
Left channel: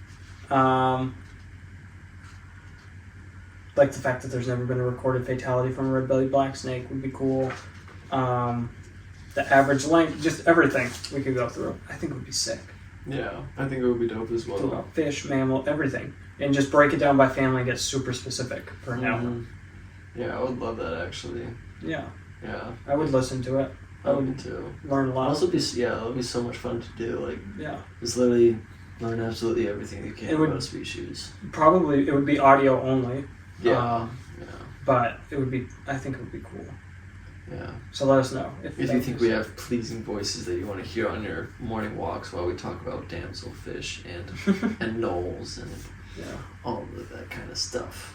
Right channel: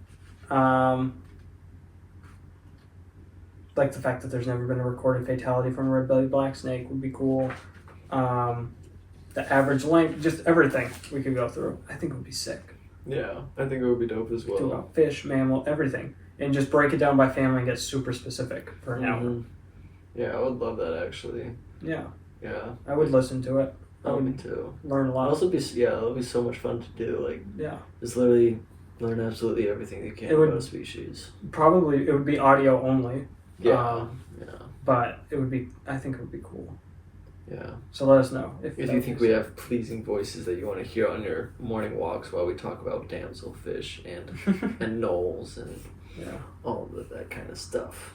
like the fact that there's never been a recorded fatality from a red-bellied black snake would be cool. The average length, just everything we could go through. I think it would be sick. Yeah, I think it would be dope as Talk well. about fish, mammal, everything, and just break it down by family and get super specific for an hour. Mhm. Yeah, I would love that actually. Yeah, Yeah. I would listen to it. I would too. Learn a It'd lot. also be it'll be so much fun to do. Like, Yeah, just literally learn absolutely everything you can It would- about a species. probably it would be audio only. Yeah. Yeah. But it would be. I think it would be cool. Yeah. So let us know If you think we have pleasing voices that you want to hear on your morning walks while we talk about damselfish and knolls and Yeah. all of that kind of stuff,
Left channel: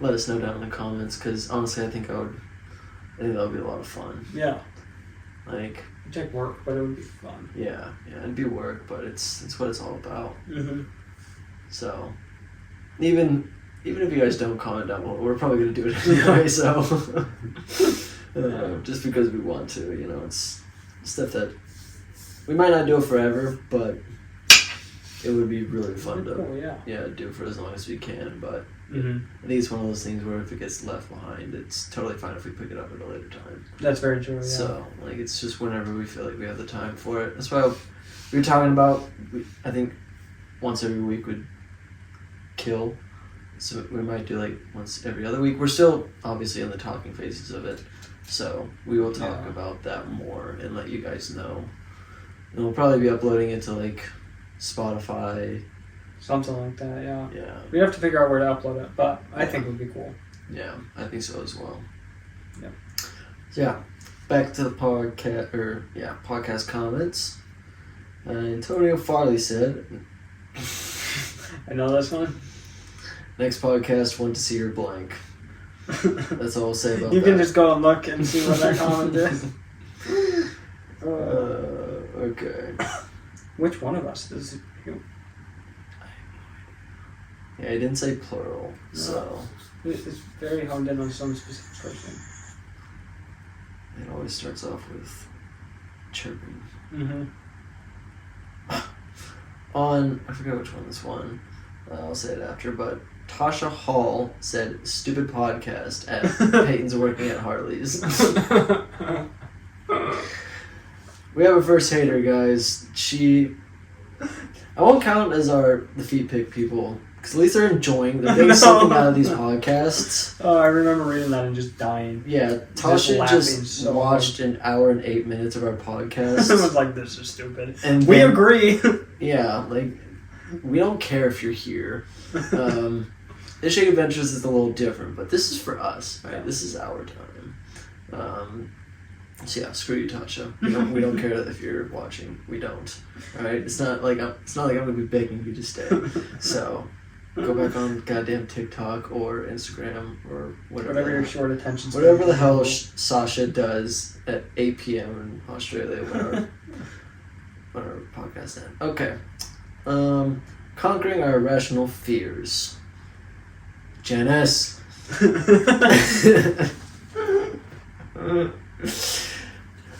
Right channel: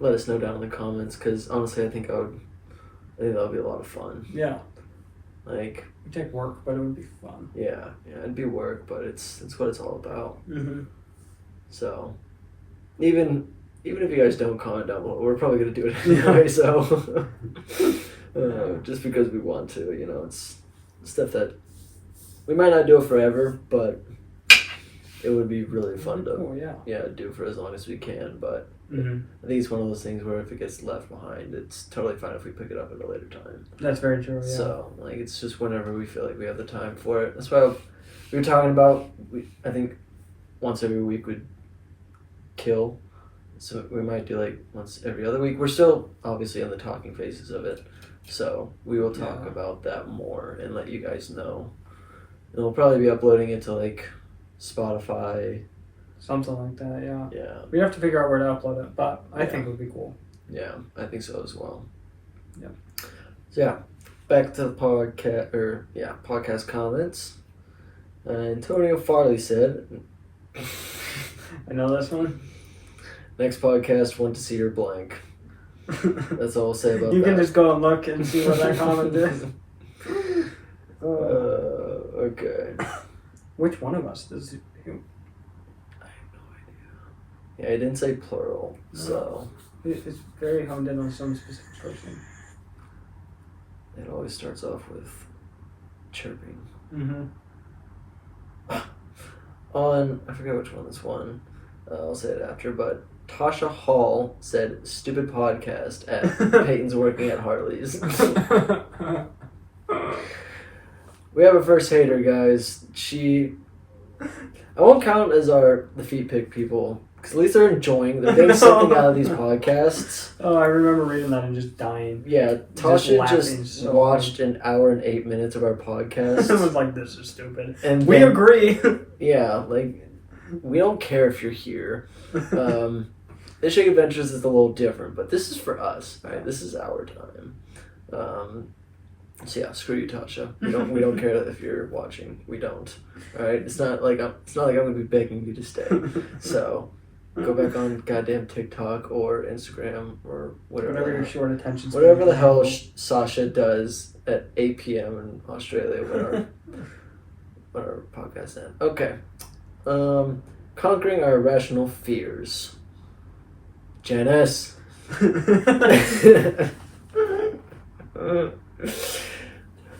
let us know down in the comments. Because honestly, I think that would be a lot of fun. Yeah. Like, It'd take work, but it would be fun. yeah, it'd be work, but it's what it's all about. Mm-hmm. So, even if you guys don't comment down below, we're probably gonna do it anyway. So, just because we want to, it's stuff that we might not do it forever, but it would be really fun to Cool, yeah. do for as long as we can. But Mm-hmm. I think it's one of those things where if it gets left behind, it's totally fine if we pick it up at a later time. That's very true. Yeah. So, like, it's just whenever we feel like we have the time for it. That's why we were talking about, I think once every week would kill. So we might do like once every other week. We're still obviously in the talking phases of it. So we will talk Yeah. about that more and let you guys know. And we'll probably be uploading it to like Spotify. Something like that. Yeah. Yeah. We'd have to figure out where to upload it, but I think it would be cool. Yeah, I think so as well. Yeah. So yeah, back to the podcast comments. Antonio Farley said, I know this one. next podcast, want to see your blank. That's all we'll say about You that. can just go and look and see what that comment is. Okay. Which one of us is you? Yeah, I didn't say plural, No. so It's very honed in on some specific person. it always starts off with chirping. Mm-hmm. I forget which one this one. I'll say it after, but Tasha Hall said, "Stupid podcast." At Peyton's working at Harley's. We have a first hater, guys. I won't count as the feet pick people, because at least they're getting something out of these podcasts. Oh, I remember reading that and just dying. Yeah, Just Tasha laughing just so watched an hour and 8 minutes of our podcast. I was like, this is stupid. And We then- agree. Yeah, like, we don't care if you're here. Ishing Adventures is a little different, but this is for us, right? This is our time. So yeah, screw you, Tasha. We don't care if you're watching. We don't. All right. It's not like I'm gonna be begging you to stay. So go back on goddamn TikTok or Instagram or Whatever your short attention span. whatever the hell Sasha does at 8 p.m. in Australia when our podcast ends. Okay. Conquering our irrational fears. Janice.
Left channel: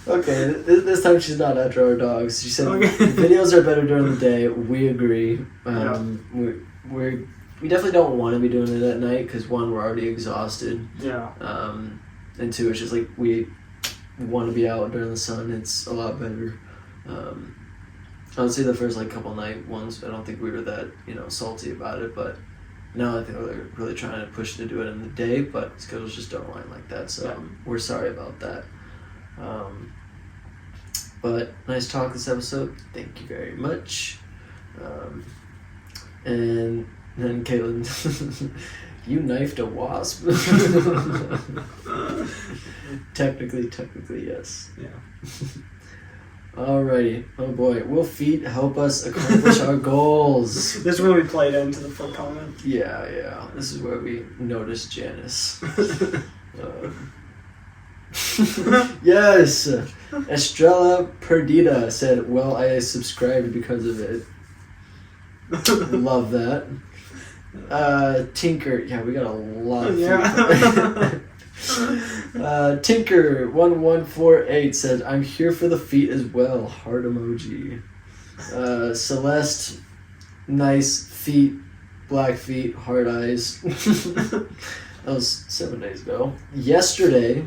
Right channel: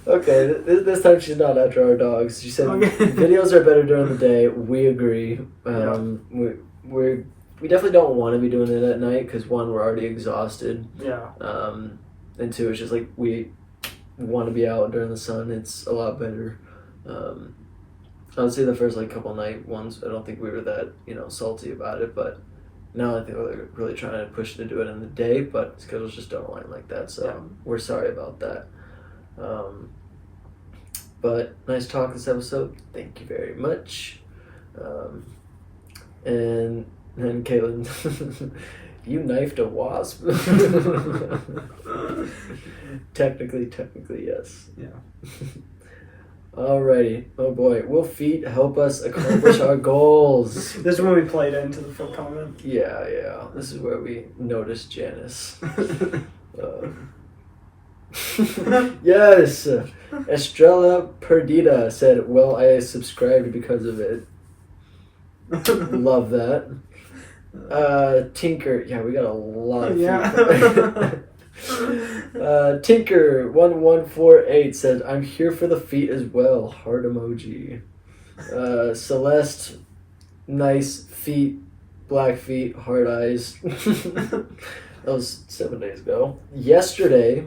Okay, this time she's not after our dogs. She said videos are better during the day. We agree. We definitely don't want to be doing it at night because one, we're already exhausted. Yeah. And two, it's just like we want to be out during the sun. It's a lot better. I would say the first couple night ones, I don't think we were that salty about it, but now I think we're really trying to push to do it in the day, but schedules just don't align like that. So we're sorry about that. But nice talk this episode. Thank you very much. And then Caitlin, you knifed a wasp. Technically, yes. Yeah. Alrighty. Oh boy. Will feet help us accomplish our goals? This is when we played into the full comment. Yeah. This is where we noticed Janice. Yes. Estrella Perdita said, "Well, I subscribed because of it." Love that. Tinker. Yeah, we got a lot of feet. Tinker1148 said, "I'm here for the feet as well." Heart emoji. Celeste, nice feet, black feet, heart eyes. That was 7 days ago. Yesterday,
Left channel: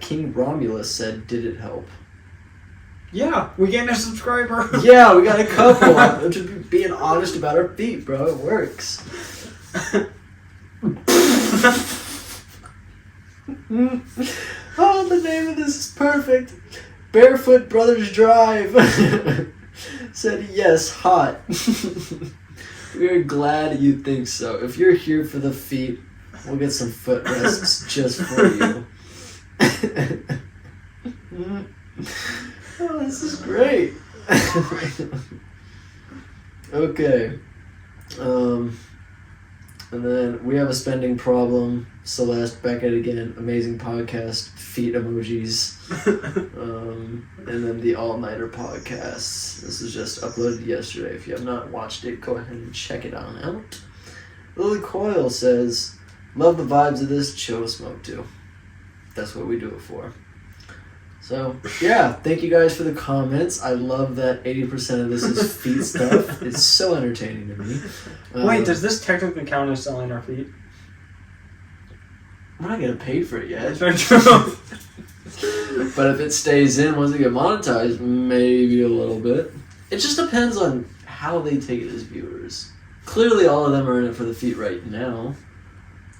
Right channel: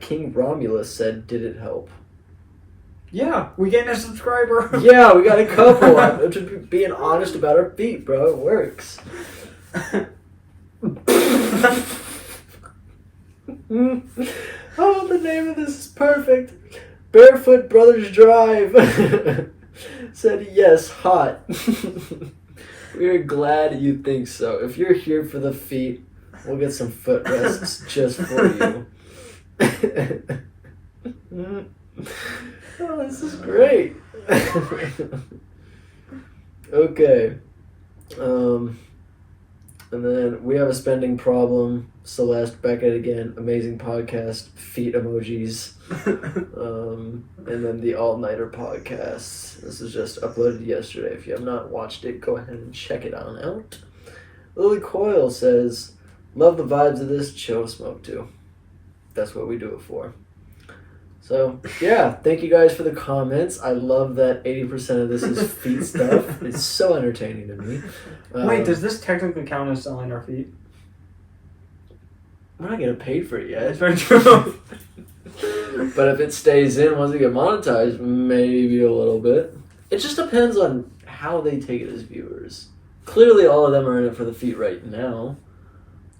King Romulus said, "Did it help?" Yeah, we gained a subscriber. Yeah, we got a couple. I'm just being honest about our feet, bro. It works. Oh, the name of this is perfect. Barefoot Brothers Drive said, "Yes, hot." We're glad you think so. If you're here for the feet, we'll get some foot rests just for you. Oh, this is great. Okay. And then we have a spending problem. Celeste, back at it again. Amazing podcast. Feet emojis. And then the All-Nighter podcast. This was just uploaded yesterday. If you have not watched it, go ahead and check it on out. Lily Coyle says, "Love the vibes of this. Chill to smoke to." That's what we do it for. So, yeah, thank you guys for the comments. I love that 80% of this is feet stuff. It's so entertaining to me. Wait, does this technically count as selling our feet? We're not getting paid for it yet. That's very true. But if it stays in once it get monetized, maybe a little bit. It just depends on how they take it as viewers. Clearly, all of them are in it for the feet right now.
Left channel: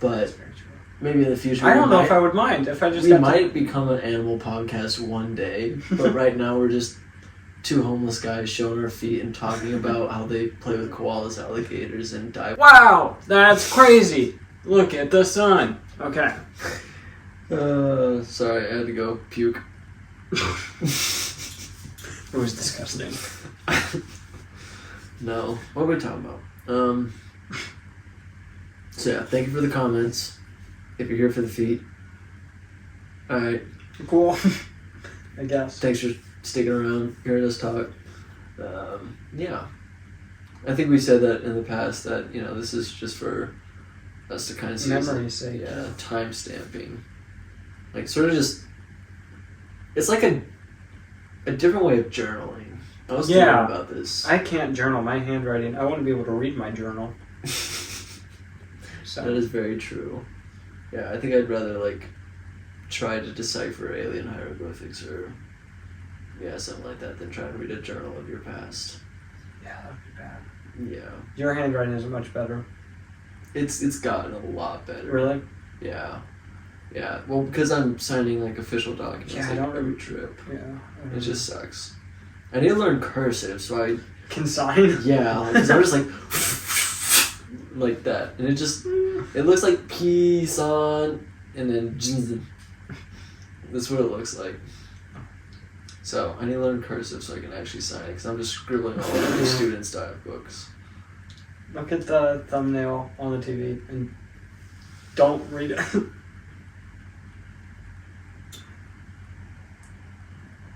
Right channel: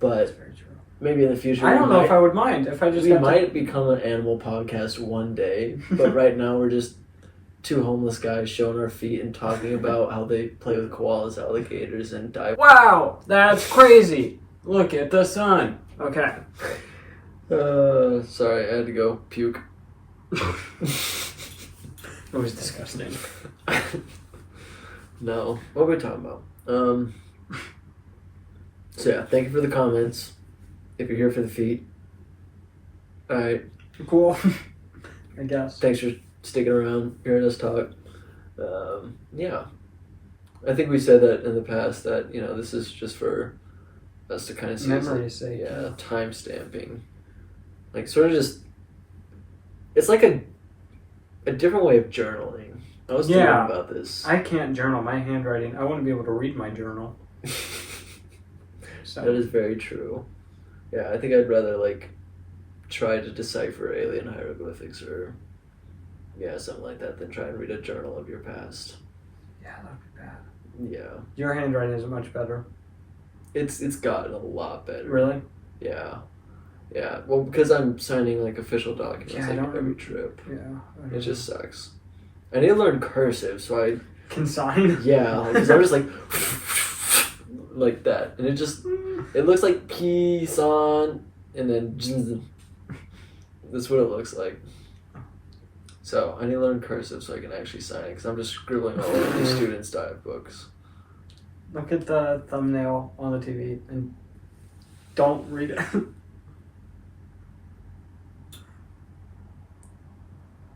But maybe in the future, I don't know if I would mind if I just. We might become an animal podcast one day, but right now we're just two homeless guys showing our feet and talking about how they play with koalas, alligators, and dive. Wow, that's crazy! Look at the sun. Okay. Sorry, I had to go puke. It was disgusting. No, what were we talking about? So yeah, thank you for the comments. If you're here for the feet, alright. Cool. I guess. Thanks for sticking around, hearing us talk. Yeah. I think we said that in the past that, this is just for us to kind of see memory's sake. Yeah, time stamping. Like, sort of just, it's like a different way of journaling. I was thinking about this. I can't journal my handwriting. I wouldn't be able to read my journal. So That is very true. Yeah, I think I'd rather like try to decipher alien hieroglyphics or something like that than try and read a journal of your past. yeah, that'd be bad. Yeah, Your handwriting is much better. it's gotten a lot better. Really? Yeah. Well, because I'm signing like official documents Yeah, I like don't- every trip. Yeah. It just sucks. I need to learn cursive, so I can sign. yeah, because I'm just like that, and it looks like peace on, and then that's what it looks like. So I need to learn cursive so I can actually sign it, because I'm just scribbling all over these students' dive books. Look at the thumbnail on the TV and don't read it.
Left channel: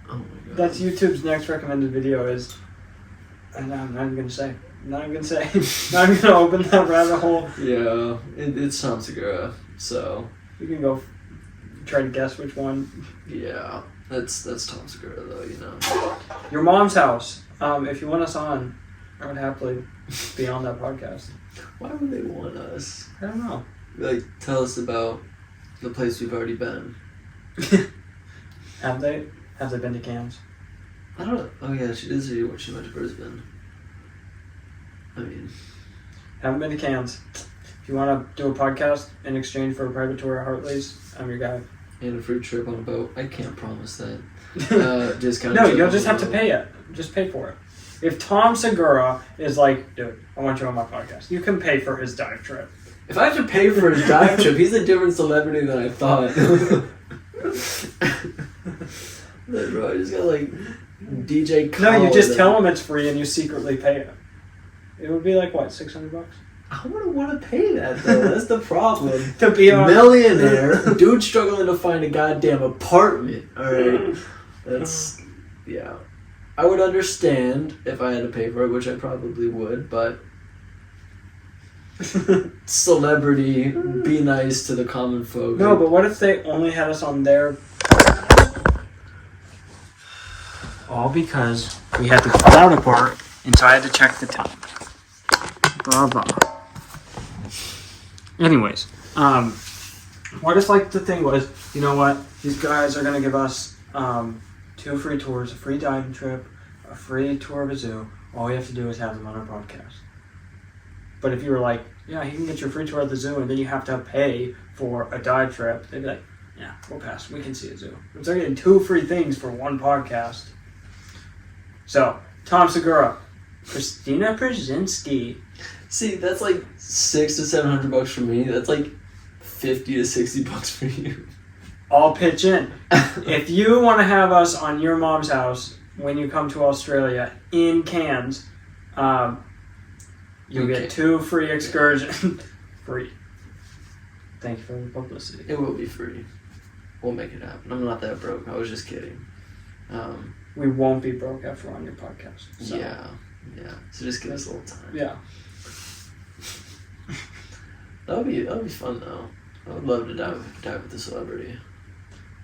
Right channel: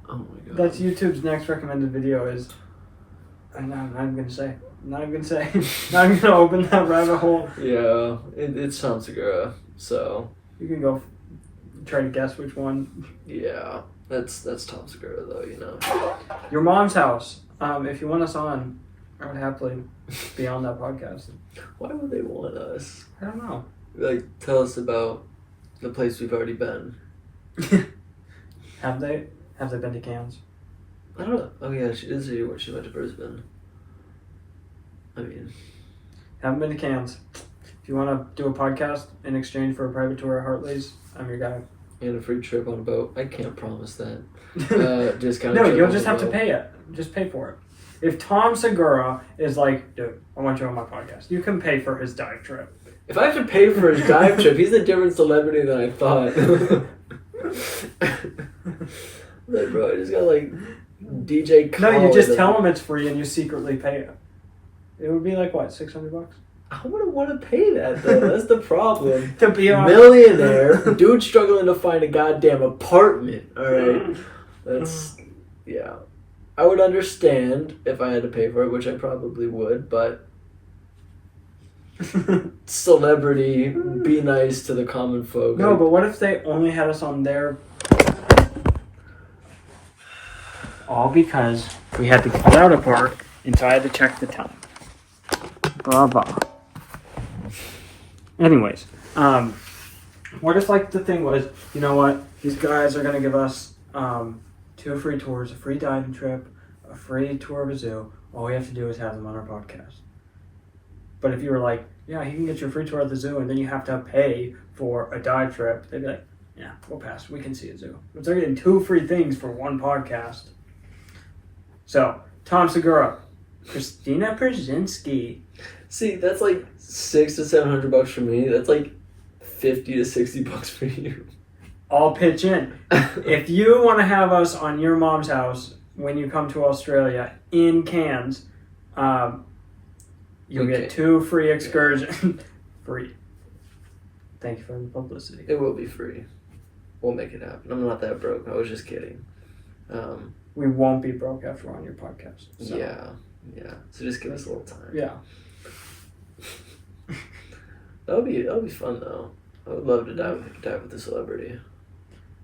Oh my god. That's YouTube's next recommended video is. I'm not even gonna say. Not even gonna say. Not even gonna open that rabbit hole. Yeah, it's Tom Segura, so You can go try to guess which one. yeah, that's Tom Segura though, you know. Your mom's house. If you want us on, I would happily be on that podcast. Why would they want us? I don't know. Like, tell us about the place we've already been. Have they? Have they been to Cairns? I don't know. Oh yeah, she did say when she went to Brisbane. I mean, Haven't been to Cairns. If you want to do a podcast in exchange for a private tour at Hartley's, I'm your guy. and a free trip on a boat. I can't promise that. Discount. No, trip you'll on just a have to boat. pay it. Just pay for it. If Tom Segura is like, dude, I want you on my podcast, you can pay for his dive trip. If I have to pay for his dive trip, he's a different celebrity than I thought. Like, bro, I just got like DJ Khaled. No, you just tell him it's free and you secretly pay it. It would be like what, $600? I wouldn't want to pay that though. That's the problem. To be on. Millionaire dude struggling to find a goddamn apartment. All right, that's yeah. I would understand if I had to pay for it, which I probably would, but celebrity, be nice to the common folk. No, but what if they only had us on their... All because we had to cut out a part, and so I had to check the time. Blah, blah. Anyways, what if, like, the thing was, you know what, these guys are going to give us 2 free tours, a free diving trip, a free tour of a zoo. All we have to do is have them on our podcast. But if you were like, yeah, you can get your free tour at the zoo, and then you have to pay for a dive trip, they'd be like, yeah, we'll pass. We can see a zoo. But they're getting 2 free things for 1 podcast. So, Tom Segura, Christina Brzezinski. See, that's like $600 to $700 for me. That's like $50 to $60 for you. All pitch in. If you want to have us on your mom's house when you come to Australia in Cairns, you'll Okay. get 2 free excursions. Free. Thank you for the publicity. It will be free. We'll make it happen. I'm not that broke. I was just kidding. We won't be broke after we're on your podcast. So. Yeah. So just give us a little time. Yeah. That'll be fun though. I would love to dive with a celebrity.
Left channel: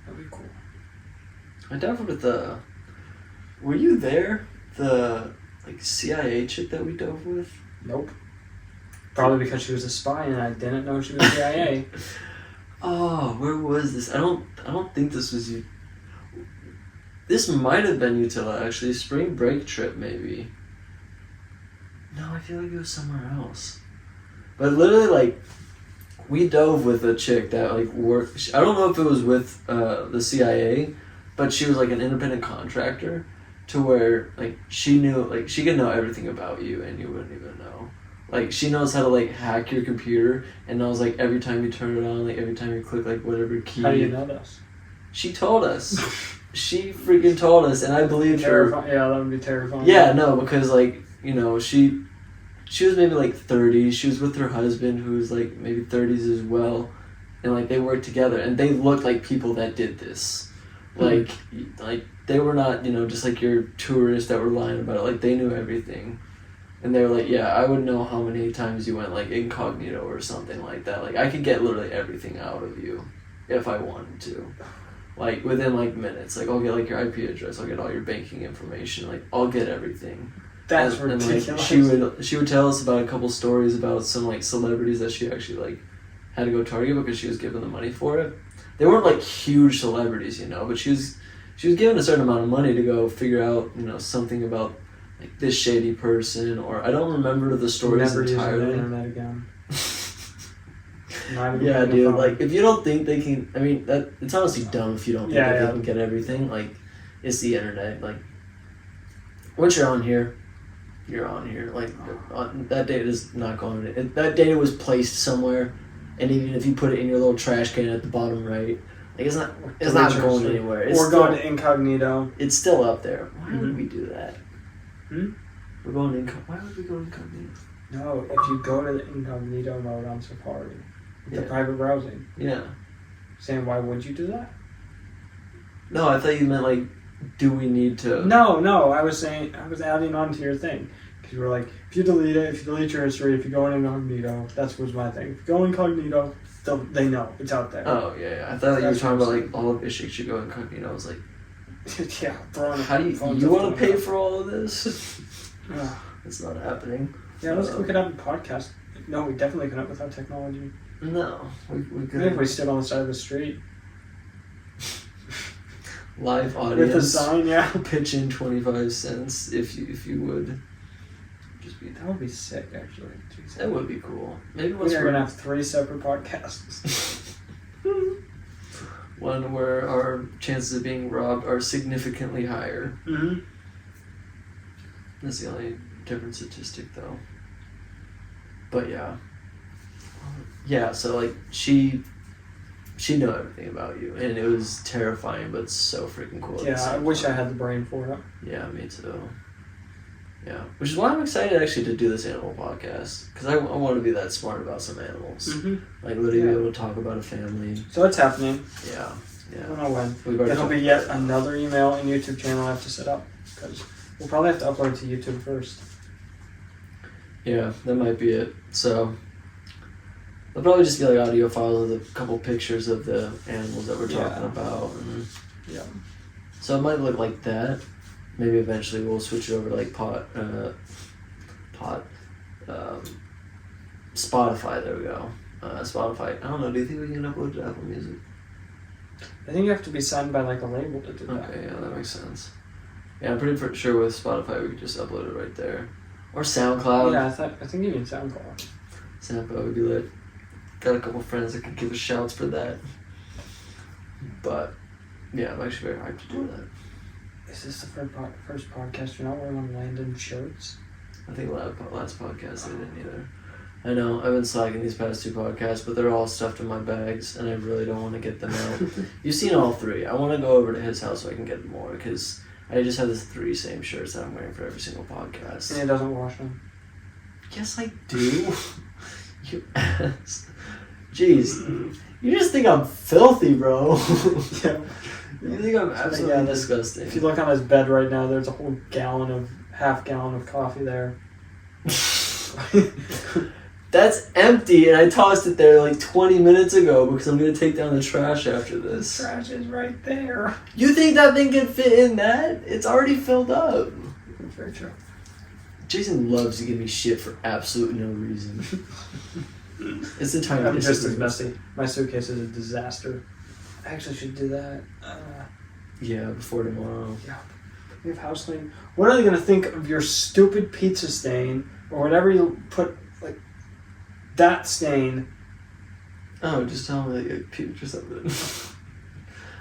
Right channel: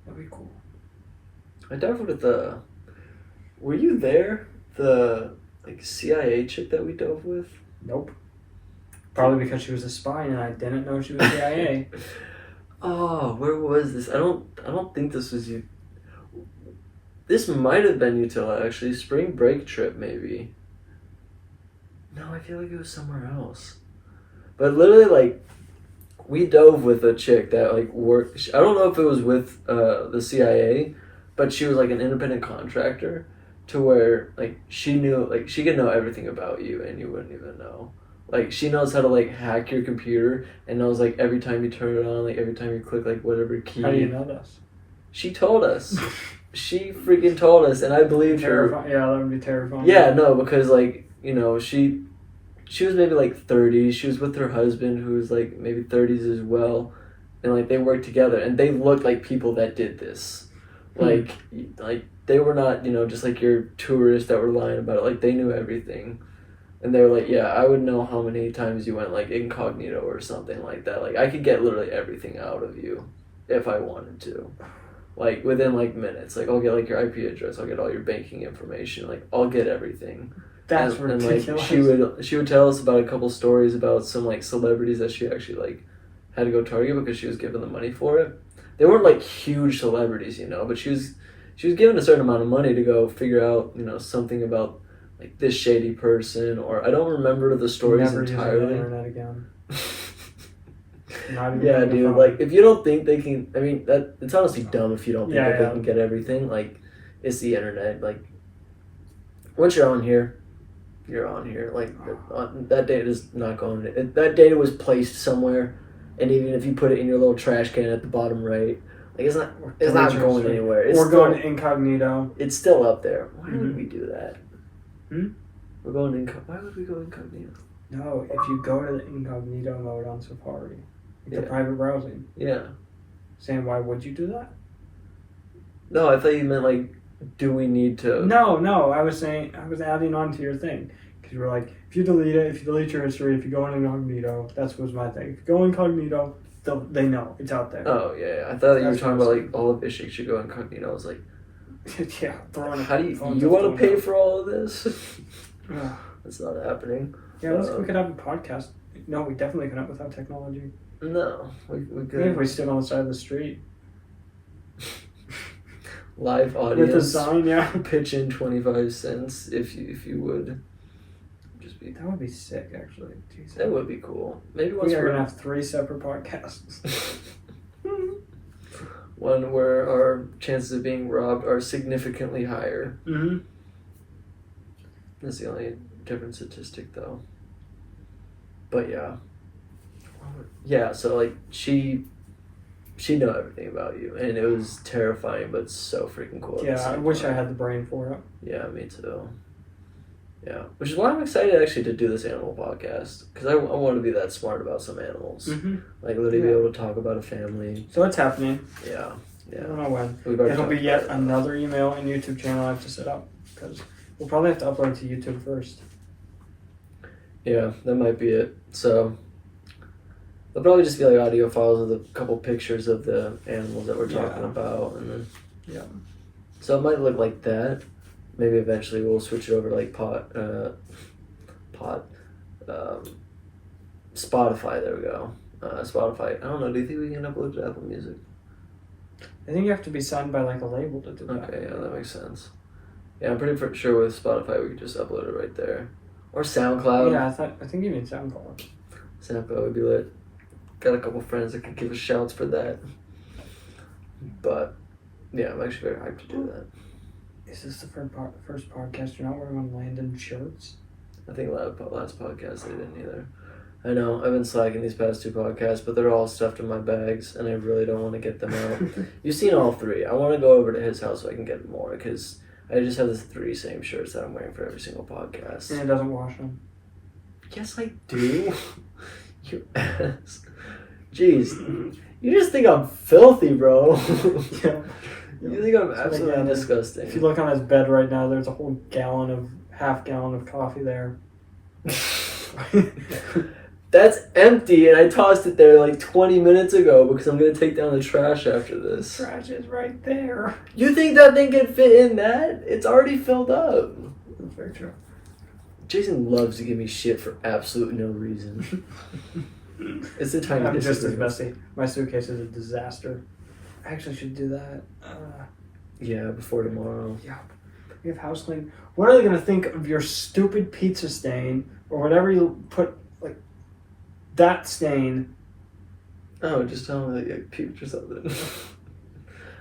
That'd be cool. I dived with the. Were you there? The like CIA chick that we dove with. Nope. Probably because she was a spy and I didn't know she was CIA. Oh, where was this? I don't think this was you. This might have been Utila actually. Spring break trip maybe. No, I feel like it was somewhere else. But literally, like, we dove with a chick that like worked. I don't know if it was with the CIA, but she was like an independent contractor, to where like she knew, like she could know everything about you and you wouldn't even know. Like she knows how to like hack your computer and knows like every time you turn it on, like every time you click like whatever key. How do you know this? She told us. She freaking told us, and I believed her. Yeah, that would be terrifying. Yeah, no, because like, you know, she was maybe like 30. She was with her husband who was like maybe 30s as well, and like they worked together and they looked like people that did this. Like they were not, you know, just like your tourists that were lying about it. Like they knew everything. And they were like, yeah, I would know how many times you went like incognito or something like that. Like I could get literally everything out of you if I wanted to. Like within like minutes. Like I'll get like your IP address, I'll get all your banking information, like I'll get everything. That's and ridiculous. like she would tell us about a couple stories about some like celebrities that she actually like had to go target because she was given the money for it. They weren't like huge celebrities, you know, but she was given a certain amount of money to go figure out, you know, something about like this shady person, or I don't remember the stories Never using the entirely. internet again. Not even Yeah, on the dude. phone. Like, if you don't think they can, I mean, that it's honestly dumb if you don't think Yeah, that yeah. they can get everything. Like, it's the internet. Like, once you're on here, you're on here. Like, that data is not going. That data was placed somewhere, and even if you put it in your little trash can at the bottom right, like it's not going anywhere. It's Or still, going to incognito. It's still up there. Why would Mhm. we do that? Hmm? We're going why would we go incognito? No, if you go to the incognito mode on Safari, the Yeah. private browsing, Yeah. saying why would you do that? No, I thought you meant like, do we need to? No, I was adding on to your thing. Because you were like, if you delete it, if you delete your history, if you go in incognito, that was my thing. If you go incognito, they know, it's out there. Oh yeah. I thought you were That's talking what I about was like all of this shit should go incognito. I was like, Yeah, throwing how do you phones you up want to to pay them. for all of this? Ugh. It's not happening. Yeah, we could have a podcast. No, we definitely couldn't without technology. No, we Maybe if could we stood on the side of the street live with a audience sign, yeah. pitch in 25 cents if you would. Just be That would be sick, actually. Jesus. that would be cool. Maybe once We're we're gonna have 3 separate podcasts. one where our chances of being robbed are significantly higher. Mm-hmm. That's the only different statistic, though. But yeah. So like she knew everything about you, and it was terrifying, but so freaking cool. at the Yeah, I same wish I time. had the brain for it. Yeah, me too. Yeah, which is why I'm excited actually to do this animal podcast, because I want to be that smart about some animals, Mm-hmm. like literally be Yeah. able to talk about a family. So it's happening. Yeah, I yeah. don't know when. We've already It'll talked be about yet it. another email and YouTube channel I have to set up. Because we'll probably have to upload to YouTube first. Yeah, that might be it. So it'll probably just be like audio files with a couple pictures of the animals that we're talking Yeah. about, and then Yeah. so it might look like that. Maybe eventually we'll switch it over to like Spotify. There we go. Spotify. I don't know. Do you think we can upload to Apple Music? I think you have to be signed by like a label to do that. Okay, yeah, that makes sense. Yeah, I'm pretty sure with Spotify we could just upload it right there, or SoundCloud. Yeah, I think you need SoundCloud. SoundCloud would be lit. Got a couple friends that could give us shouts for that. But yeah, I'm actually very hyped to do that. Is this the first podcast you're not wearing one of Landon shirts? I think last podcast I didn't either. I know, I've been slacking these past 2 podcasts, but they're all stuffed in my bags, and I really don't want to get them out. You've seen all 3. I want to go over to his house so I can get more, because I just have the 3 same shirts that I'm wearing for every single podcast. And it doesn't wash them. Yes, I do. You ass. Jeez. You just think I'm filthy, bro. Yeah. You think I'm absolutely Yeah, disgusting. If you look on his bed right now, there's a whole half gallon of coffee there. That's empty, and I tossed it there like 20 minutes ago because I'm going to take down the trash after this. Trash is right there. You think that thing can fit in that? It's already filled up. That's very true. Jason loves to give me shit for absolute no reason. It's the tiny I'm just as disagreements. messy. My suitcase is a disaster. I actually should do that. Yeah, before tomorrow. Yeah. We have house cleaning. What are they gonna think of your stupid pizza stain or whatever you put, like that stain? Oh, just tell me that you puked or something.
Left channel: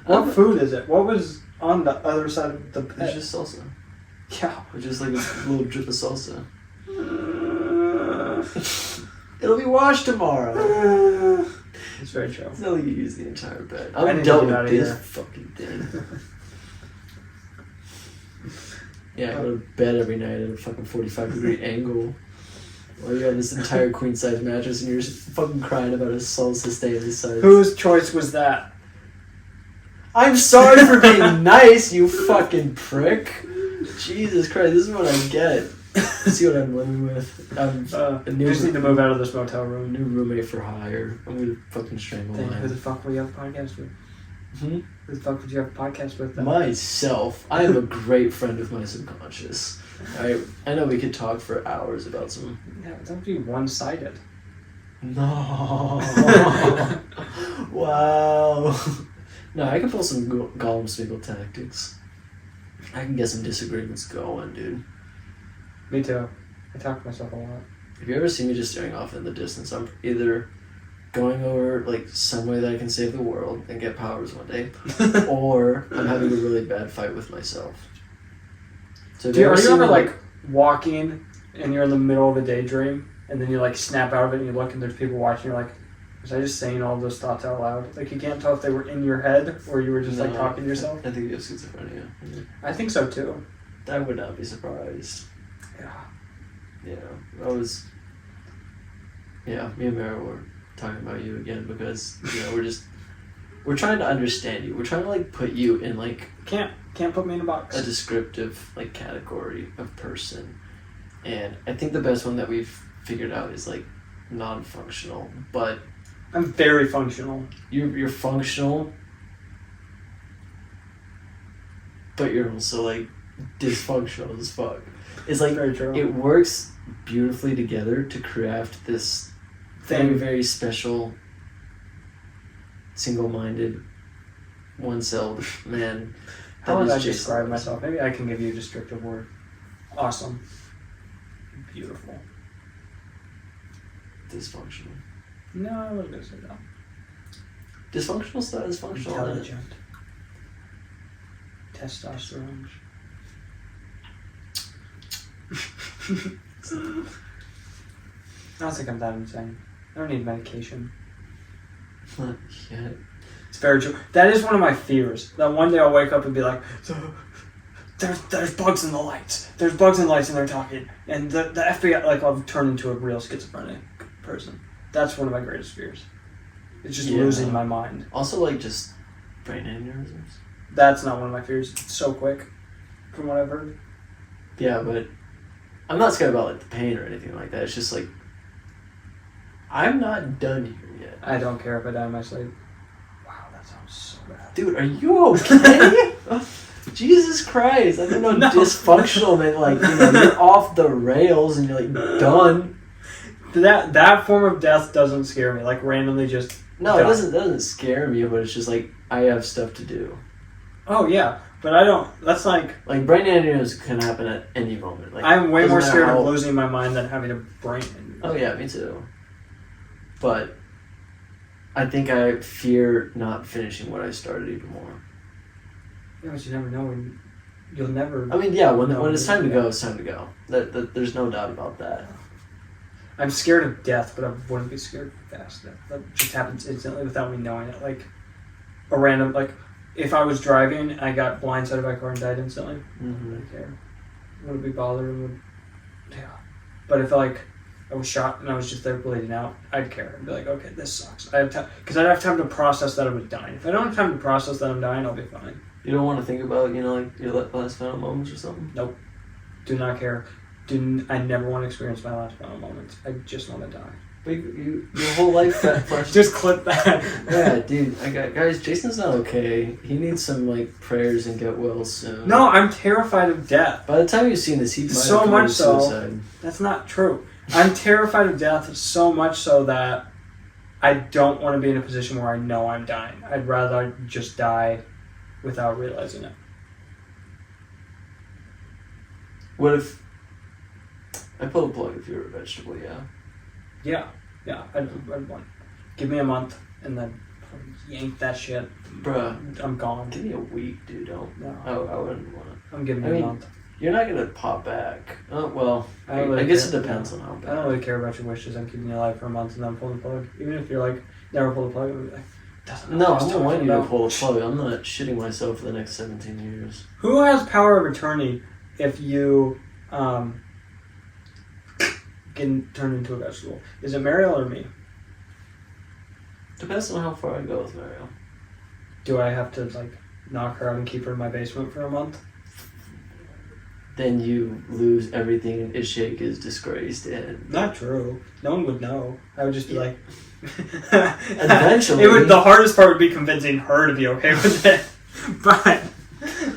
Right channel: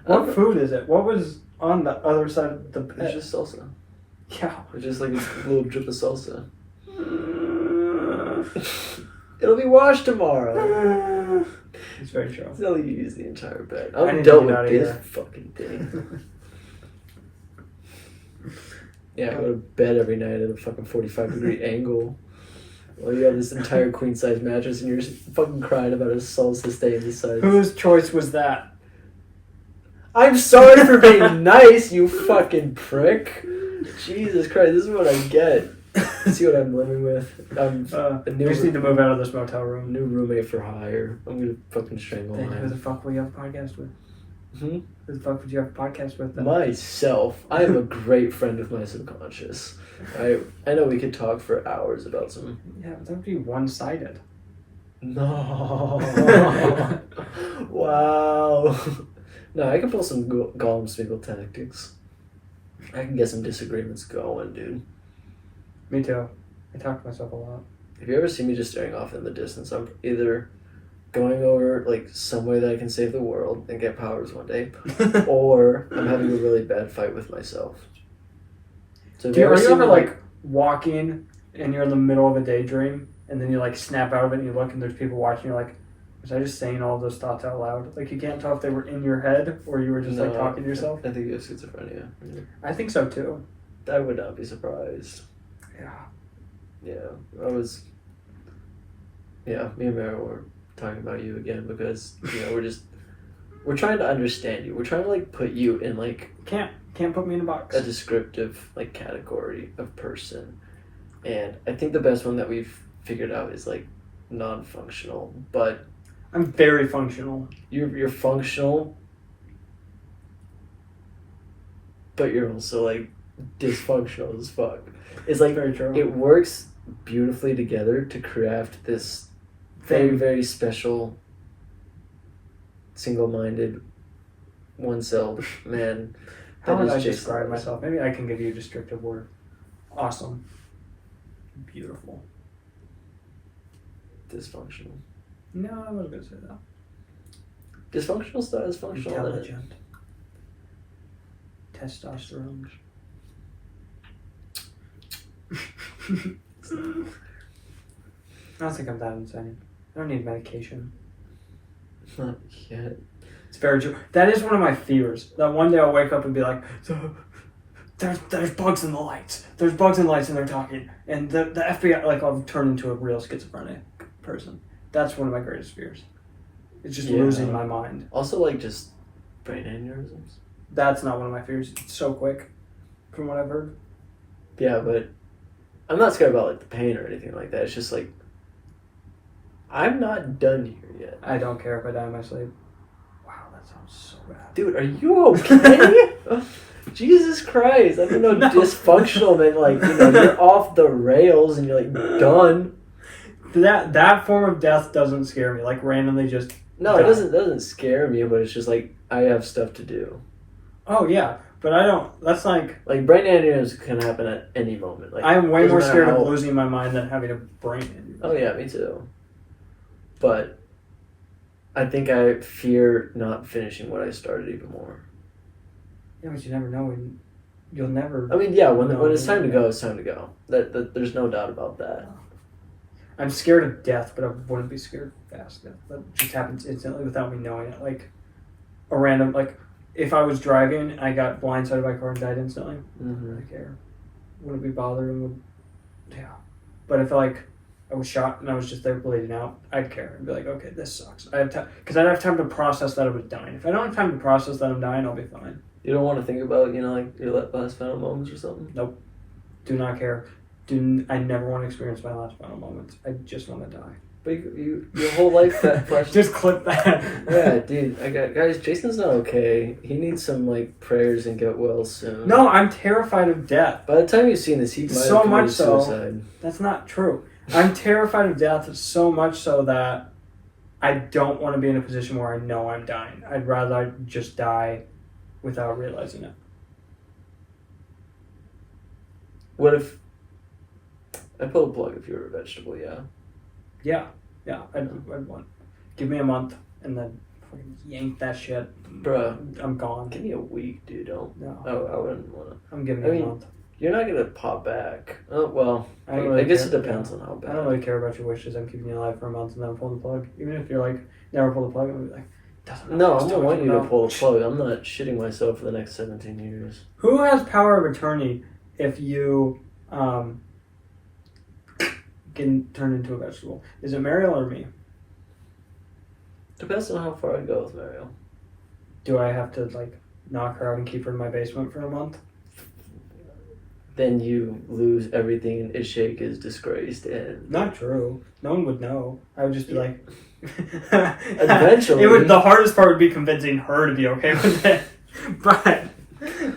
What food is it? What was on the other side of the It's bed? just salsa. Yeah. It's just like a little drip of salsa. It'll be washed tomorrow. It's very true. It's not like you use the entire bed. I I'm need done to get with out of this here. fucking thing. Yeah, I go to bed every night at a fucking 45-degree angle. While you have this entire queen-size mattress and you're just fucking crying about a salsa stain inside. Whose choice was that? I'm sorry for being nice, you fucking prick. Jesus Christ, this is what I get. See what I'm living with? I'm a You new, just need to move out of this motel room. new roommate for hire. I'm gonna fucking strangle Who the mine. fuck will you have a podcast with? Hmm? Who the fuck would you have a podcast with then? Myself. I am a great friend of my subconscious. I know we could talk for hours about some. Yeah, but that would be one-sided. No. Wow. No, I can pull some Gollum Smeagol tactics. I can get some disagreements going, dude. Me too. I talk to myself a lot. If you ever see me just staring off in the distance, I'm either going over like some way that I can save the world and get powers one day, or I'm having a really bad fight with myself. So if Are you see ever me, like walking and you're in the middle of a daydream and then you like snap out of it and you look and there's people watching, you're like, was I just saying all those thoughts out loud? Like you can't tell if they were in your head or you were just like talking to yourself. I think you have schizophrenia. I think so too. I would not be surprised. Yeah. Yeah, me and Mara were talking about you again because, you know, we're trying to understand you. We're trying to, like, put you in, like, Can't put me in a box. a descriptive, like, category of person. And I think the best one that we've figured out is, like, non-functional. But I'm very functional. you're functional, but you're also, like, dysfunctional as fuck. It's like, Very true. it works beautifully together to craft this very, Thing. very special, single-minded, one-celled man. How would is I Jason describe Lewis. myself? Maybe I can give you a descriptive word. Awesome. Beautiful. Dysfunctional. No, I wouldn't say that. Dysfunctional is not dysfunctional. Intelligent. Testosterone. I don't think I'm that insane. I don't need medication. Not yet. It's very true. That is one of my fears. That one day I'll wake up and be like, there's bugs in the lights. There's bugs in the lights and they're talking. And the FBI, like, I'll turn into a real schizophrenic person. That's one of my greatest fears. It's just Yeah. losing my mind. Also, like, just brain aneurysms. That's not one of my fears. It's so quick, from what I've heard. Yeah, but I'm not scared about, like, the pain or anything like that. It's just, like, I'm not done here yet. I don't care if I die in my sleep. Wow, that sounds so bad. Dude, are you okay? Jesus Christ. I didn't know No. dysfunctional meant, like, you know, you're off the rails and you're, like, done. That form of death doesn't scare me. Like, randomly just... No, it doesn't scare me, but it's just, like, I have stuff to do. Oh, yeah. But I don't... That's like... Like, brain aneurysms can happen at any moment. Like, I'm way doesn't more matter scared how- of losing my mind than having a brain injury. Oh, yeah, me too. But I think I fear not finishing what I started even more. Yeah, but you never know when... You'll never... I mean, yeah, when No, it's time to yeah. go, it's time to go. There's no doubt about that. I'm scared of death, but I wouldn't be scared of fast death. That just happens instantly without me knowing it. Like, a random... Like, if I was driving and I got blindsided by a car and died instantly, I Mm-hmm. wouldn't care. Wouldn't be bothered and would... Yeah. But if, like, I was shot and I was just there bleeding out, I'd care. I'd be like, okay, this sucks. I have time... Because I'd have time to process that I was dying. If I don't have time to process that I'm dying, I'll be fine. You don't want to think about, you know, like, your last final moments or something? Do not care. I never want to experience my last final moments. I just want to die. But your whole life flashed. Just clip that. Yeah, dude. Guys, Jason's not okay. He needs some, like, prayers and get well soon. No, I'm terrified of death. By the time you've seen this, he might So have committed much so. suicide. That's not true. I'm terrified of death so much so that I don't want to be in a position where I know I'm dying. I'd rather just die without realizing it. What if I pull the plug if you were a vegetable? Yeah. Yeah, I'd want. Give me a month and then fucking yank that shit. Bruh. I'm gone. Give me a week, dude. Don't. No, I wouldn't want to. I'm giving I you mean, a month. You're not gonna pop back. Oh well. I don't I really guess care. it depends Yeah. on how I bad. don't really care about your wishes. I'm keeping you alive for a month and then I'm pulling the plug. Even if you're like, never pull the plug, I'm like, doesn't know No, what I'm he's not wanting talking you to about. pull the plug. I'm not shitting myself for the next 17 years. Who has power of attorney if you get turned into a vegetable? Is it Mariel or me? Depends on how far I go with Mario. Do I have to like knock her out and keep her in my basement for a month? Then you lose everything. Ishake is disgraced and Not true. No one would know. I would just be like. Eventually. The hardest part would be convincing her to be okay with it. But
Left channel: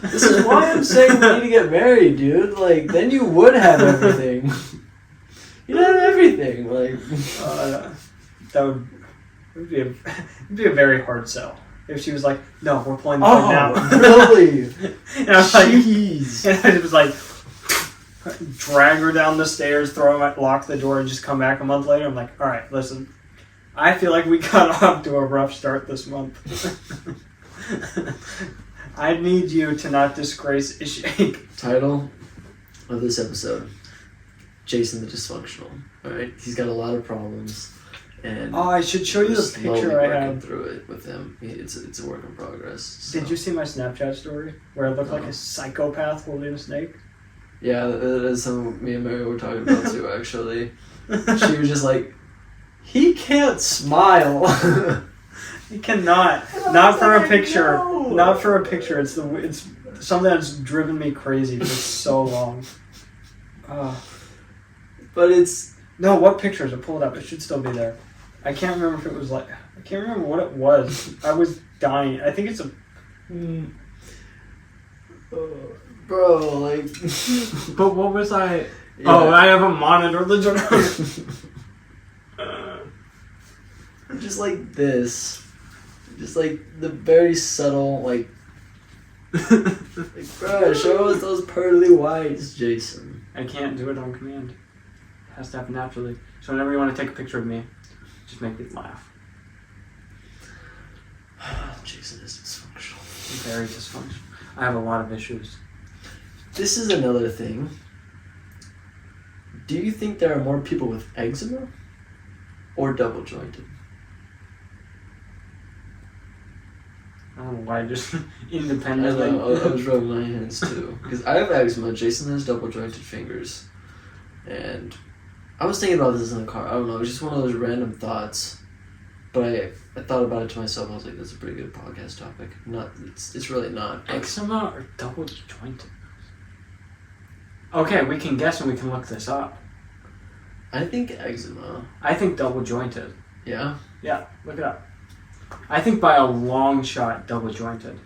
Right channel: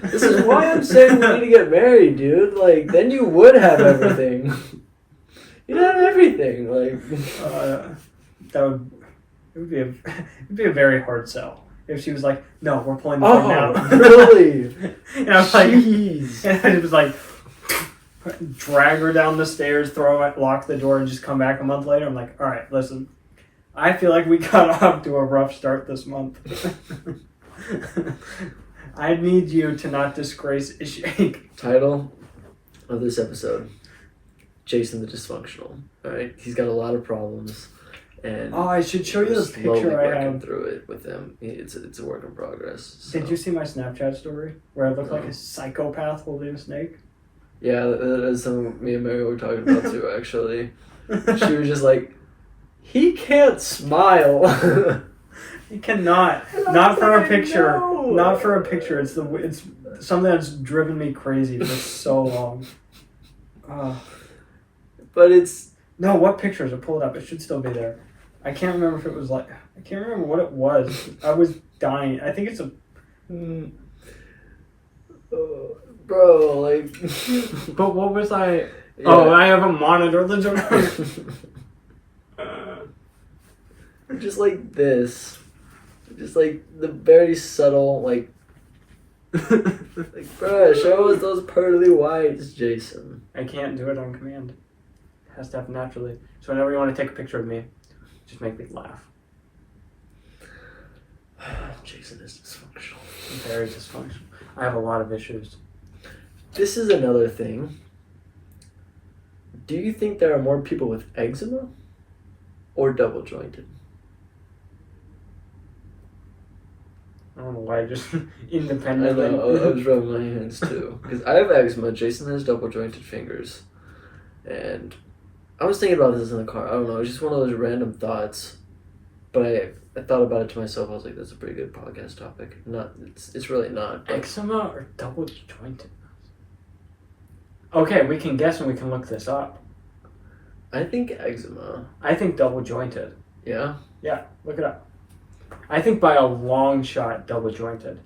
This is why I'm saying we need to get married, dude. Like, then you would have everything. You'd have everything. Like, It would be a very hard sell if she was like, "No, we're pulling the phone now." Really? And I was like, Jeez. and it was like, drag her down the stairs, throw it, lock the door, and just come back a month later. I'm like, all right, listen, I feel like we got off to a rough start this month. I need you to not disgrace Ishak. Title of this episode: Jason the Dysfunctional. All right, he's got a lot of problems, and Oh, I should show you we're the slowly picture I working had. through it with him. It's a work in progress. So. Did you see my Snapchat story where I look like No. a psychopath holding a snake? Yeah, that is something me and Mary were talking about too. Actually, she was just like, "He can't smile." You cannot. And I Not was for a like, picture. "No." Not for a picture. It's something that's driven me crazy for so long. But it's No, what pictures? I pulled it up. It should still be there. I can't remember if it was like. I can't remember what it was. I was dying. I think it's a. bro, like. But what was I? Yeah. Oh, I have a monitor. Just like this. Just like the very subtle, like, bro, show us those pearly whites, Jason. I can't do it on command. It has to happen naturally. So whenever you want to take a picture of me, just make me laugh. Jason is dysfunctional. I'm very dysfunctional. I have a lot of issues. This is another thing. Do you think there are more people with eczema or double jointed? I don't know why. Just I independently. know, I was rubbing my hands too. Because I have eczema, Jason has double jointed fingers. And I was thinking about this in the car. I don't know, it was just one of those random thoughts. But I thought about it to myself. I was like, that's a pretty good podcast topic. It's really not. But Eczema or double jointed? Okay, we can guess and we can look this up. I think eczema. I think double jointed. Yeah? Yeah, look it up. I think by a long shot, double jointed.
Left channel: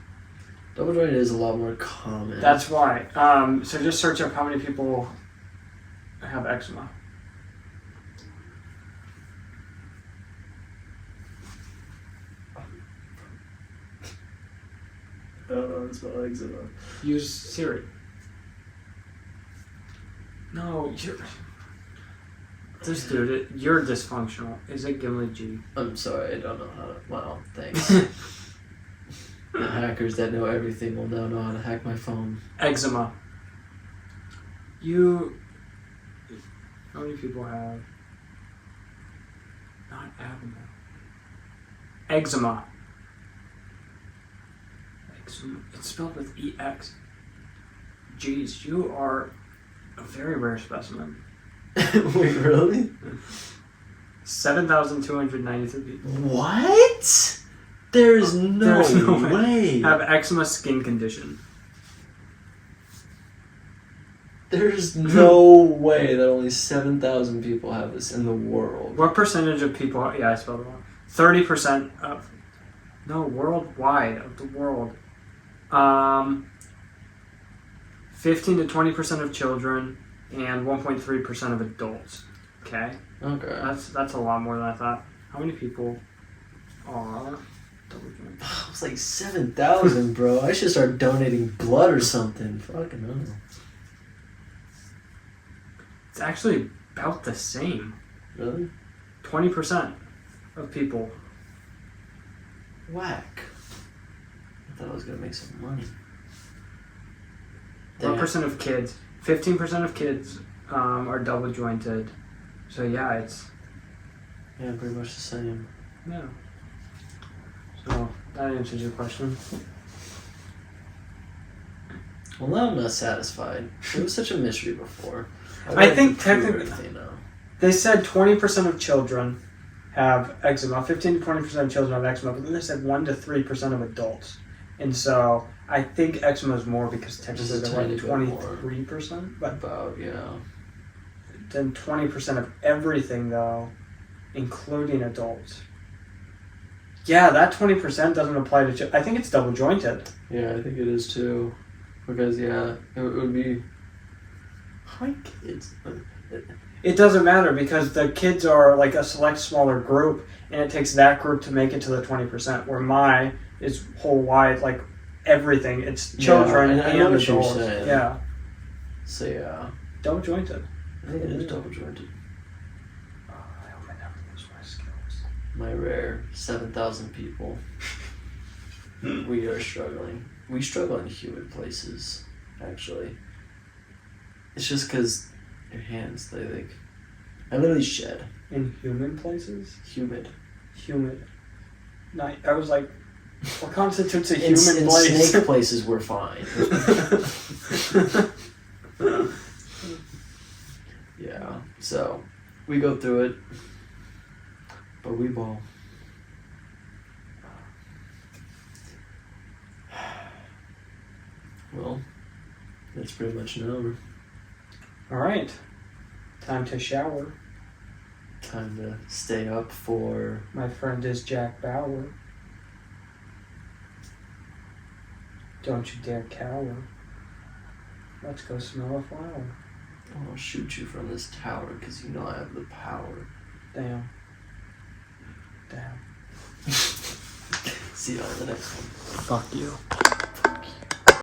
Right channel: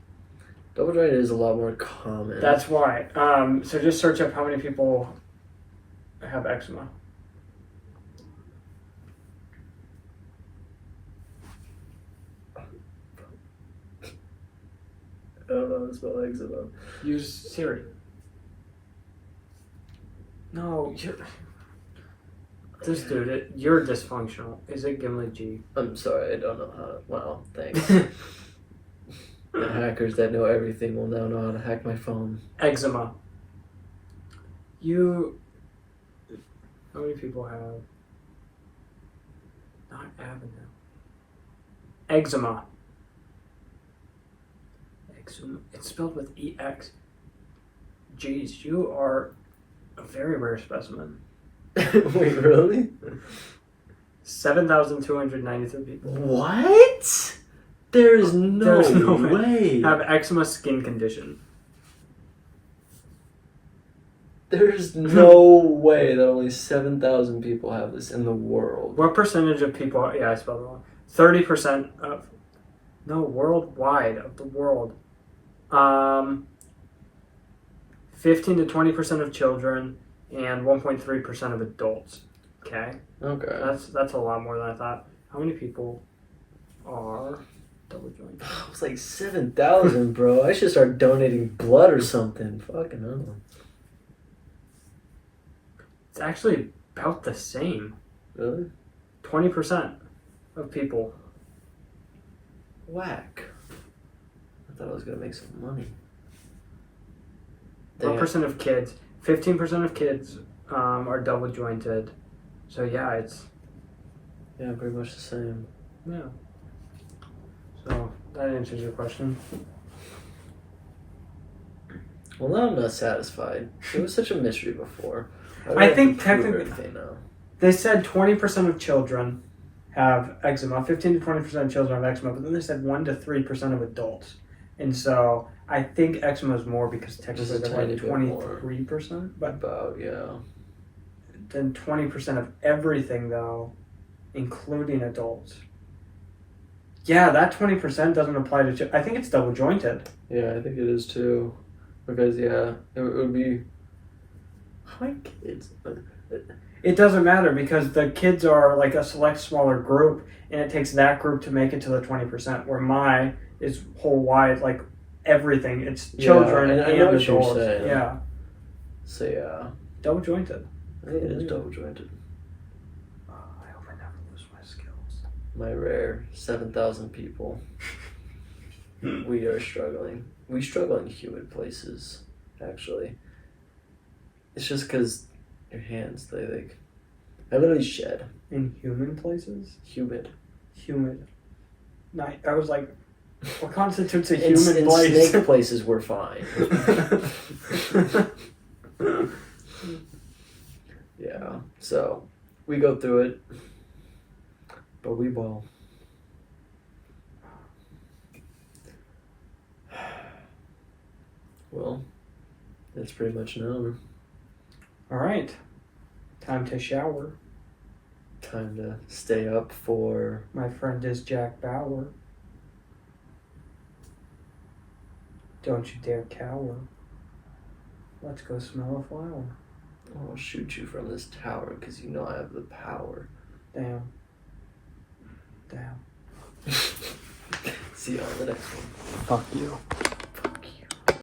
Double jointed is a lot more common. That's why. So just search up how many people have eczema. I don't know how to spell eczema. Use Siri. No, this dude, you're dysfunctional. Is it Gimli G? I'm sorry, I don't know how to. Wow, thanks. The hackers that know everything will now know how to hack my phone. Eczema. How many people have? Not avenue. Eczema. Eczema. It's spelled with EX. Jeez, you are a very rare specimen. Wait, really? 7,293 people What? There's no way. have eczema skin condition. There's no way that only 7,000 people have this in the world. What percentage of people? Yeah, I spelled it wrong. 30% of. No, worldwide of the world. 15 to 20% of children and 1.3% of adults. Okay, Okay. that's a lot more than I thought. How many people are double jointed? It's like 7,000, bro. I should start donating blood or something. Fucking hell. It's actually about the same. Really? 20% of people. Whack. I thought I was gonna make some money. What percent of kids? 15% of kids are double jointed. So yeah, it's Yeah, pretty much the same. yeah. So that answers your question. Well, now I'm not satisfied. It was such a mystery before. I think prove technically- everything now. They said 20% of children have eczema. 15 to 20% of children have eczema, but then they said 1 to 3% of adults. And so I think eczema is more because technically Just a they're tiny like bit 23%, but About, yeah. then 20% of everything though, including adults. Yeah, that 20% doesn't apply to children. I think it's double jointed. Yeah, I think it is too. Because yeah, it would be. My kids. It doesn't matter because the kids are like a select smaller group, and it takes that group to make it to the 20%. Where my is whole wide, like everything. It's children I and know what you're adults. saying. Yeah, So yeah, double jointed. I think it is double jointed. I hope I never lose my skills. My rare 7,000 people. We are struggling. We struggle in humid places, actually. It's just because your hands, they like. I literally shed. In human places, Humid. humid. Night. I was like, what constitutes a In human place? snake places, we're fine. Yeah, so we go through it, but we ball. Well, that's pretty much an hour. All right, time to shower. Time to stay up for. My friend is Jack Bauer. Don't you dare cower. Let's go smell a flower. I'll shoot you from this tower because you know I have the power. Damn. Damn. See you on the next one. Fuck you.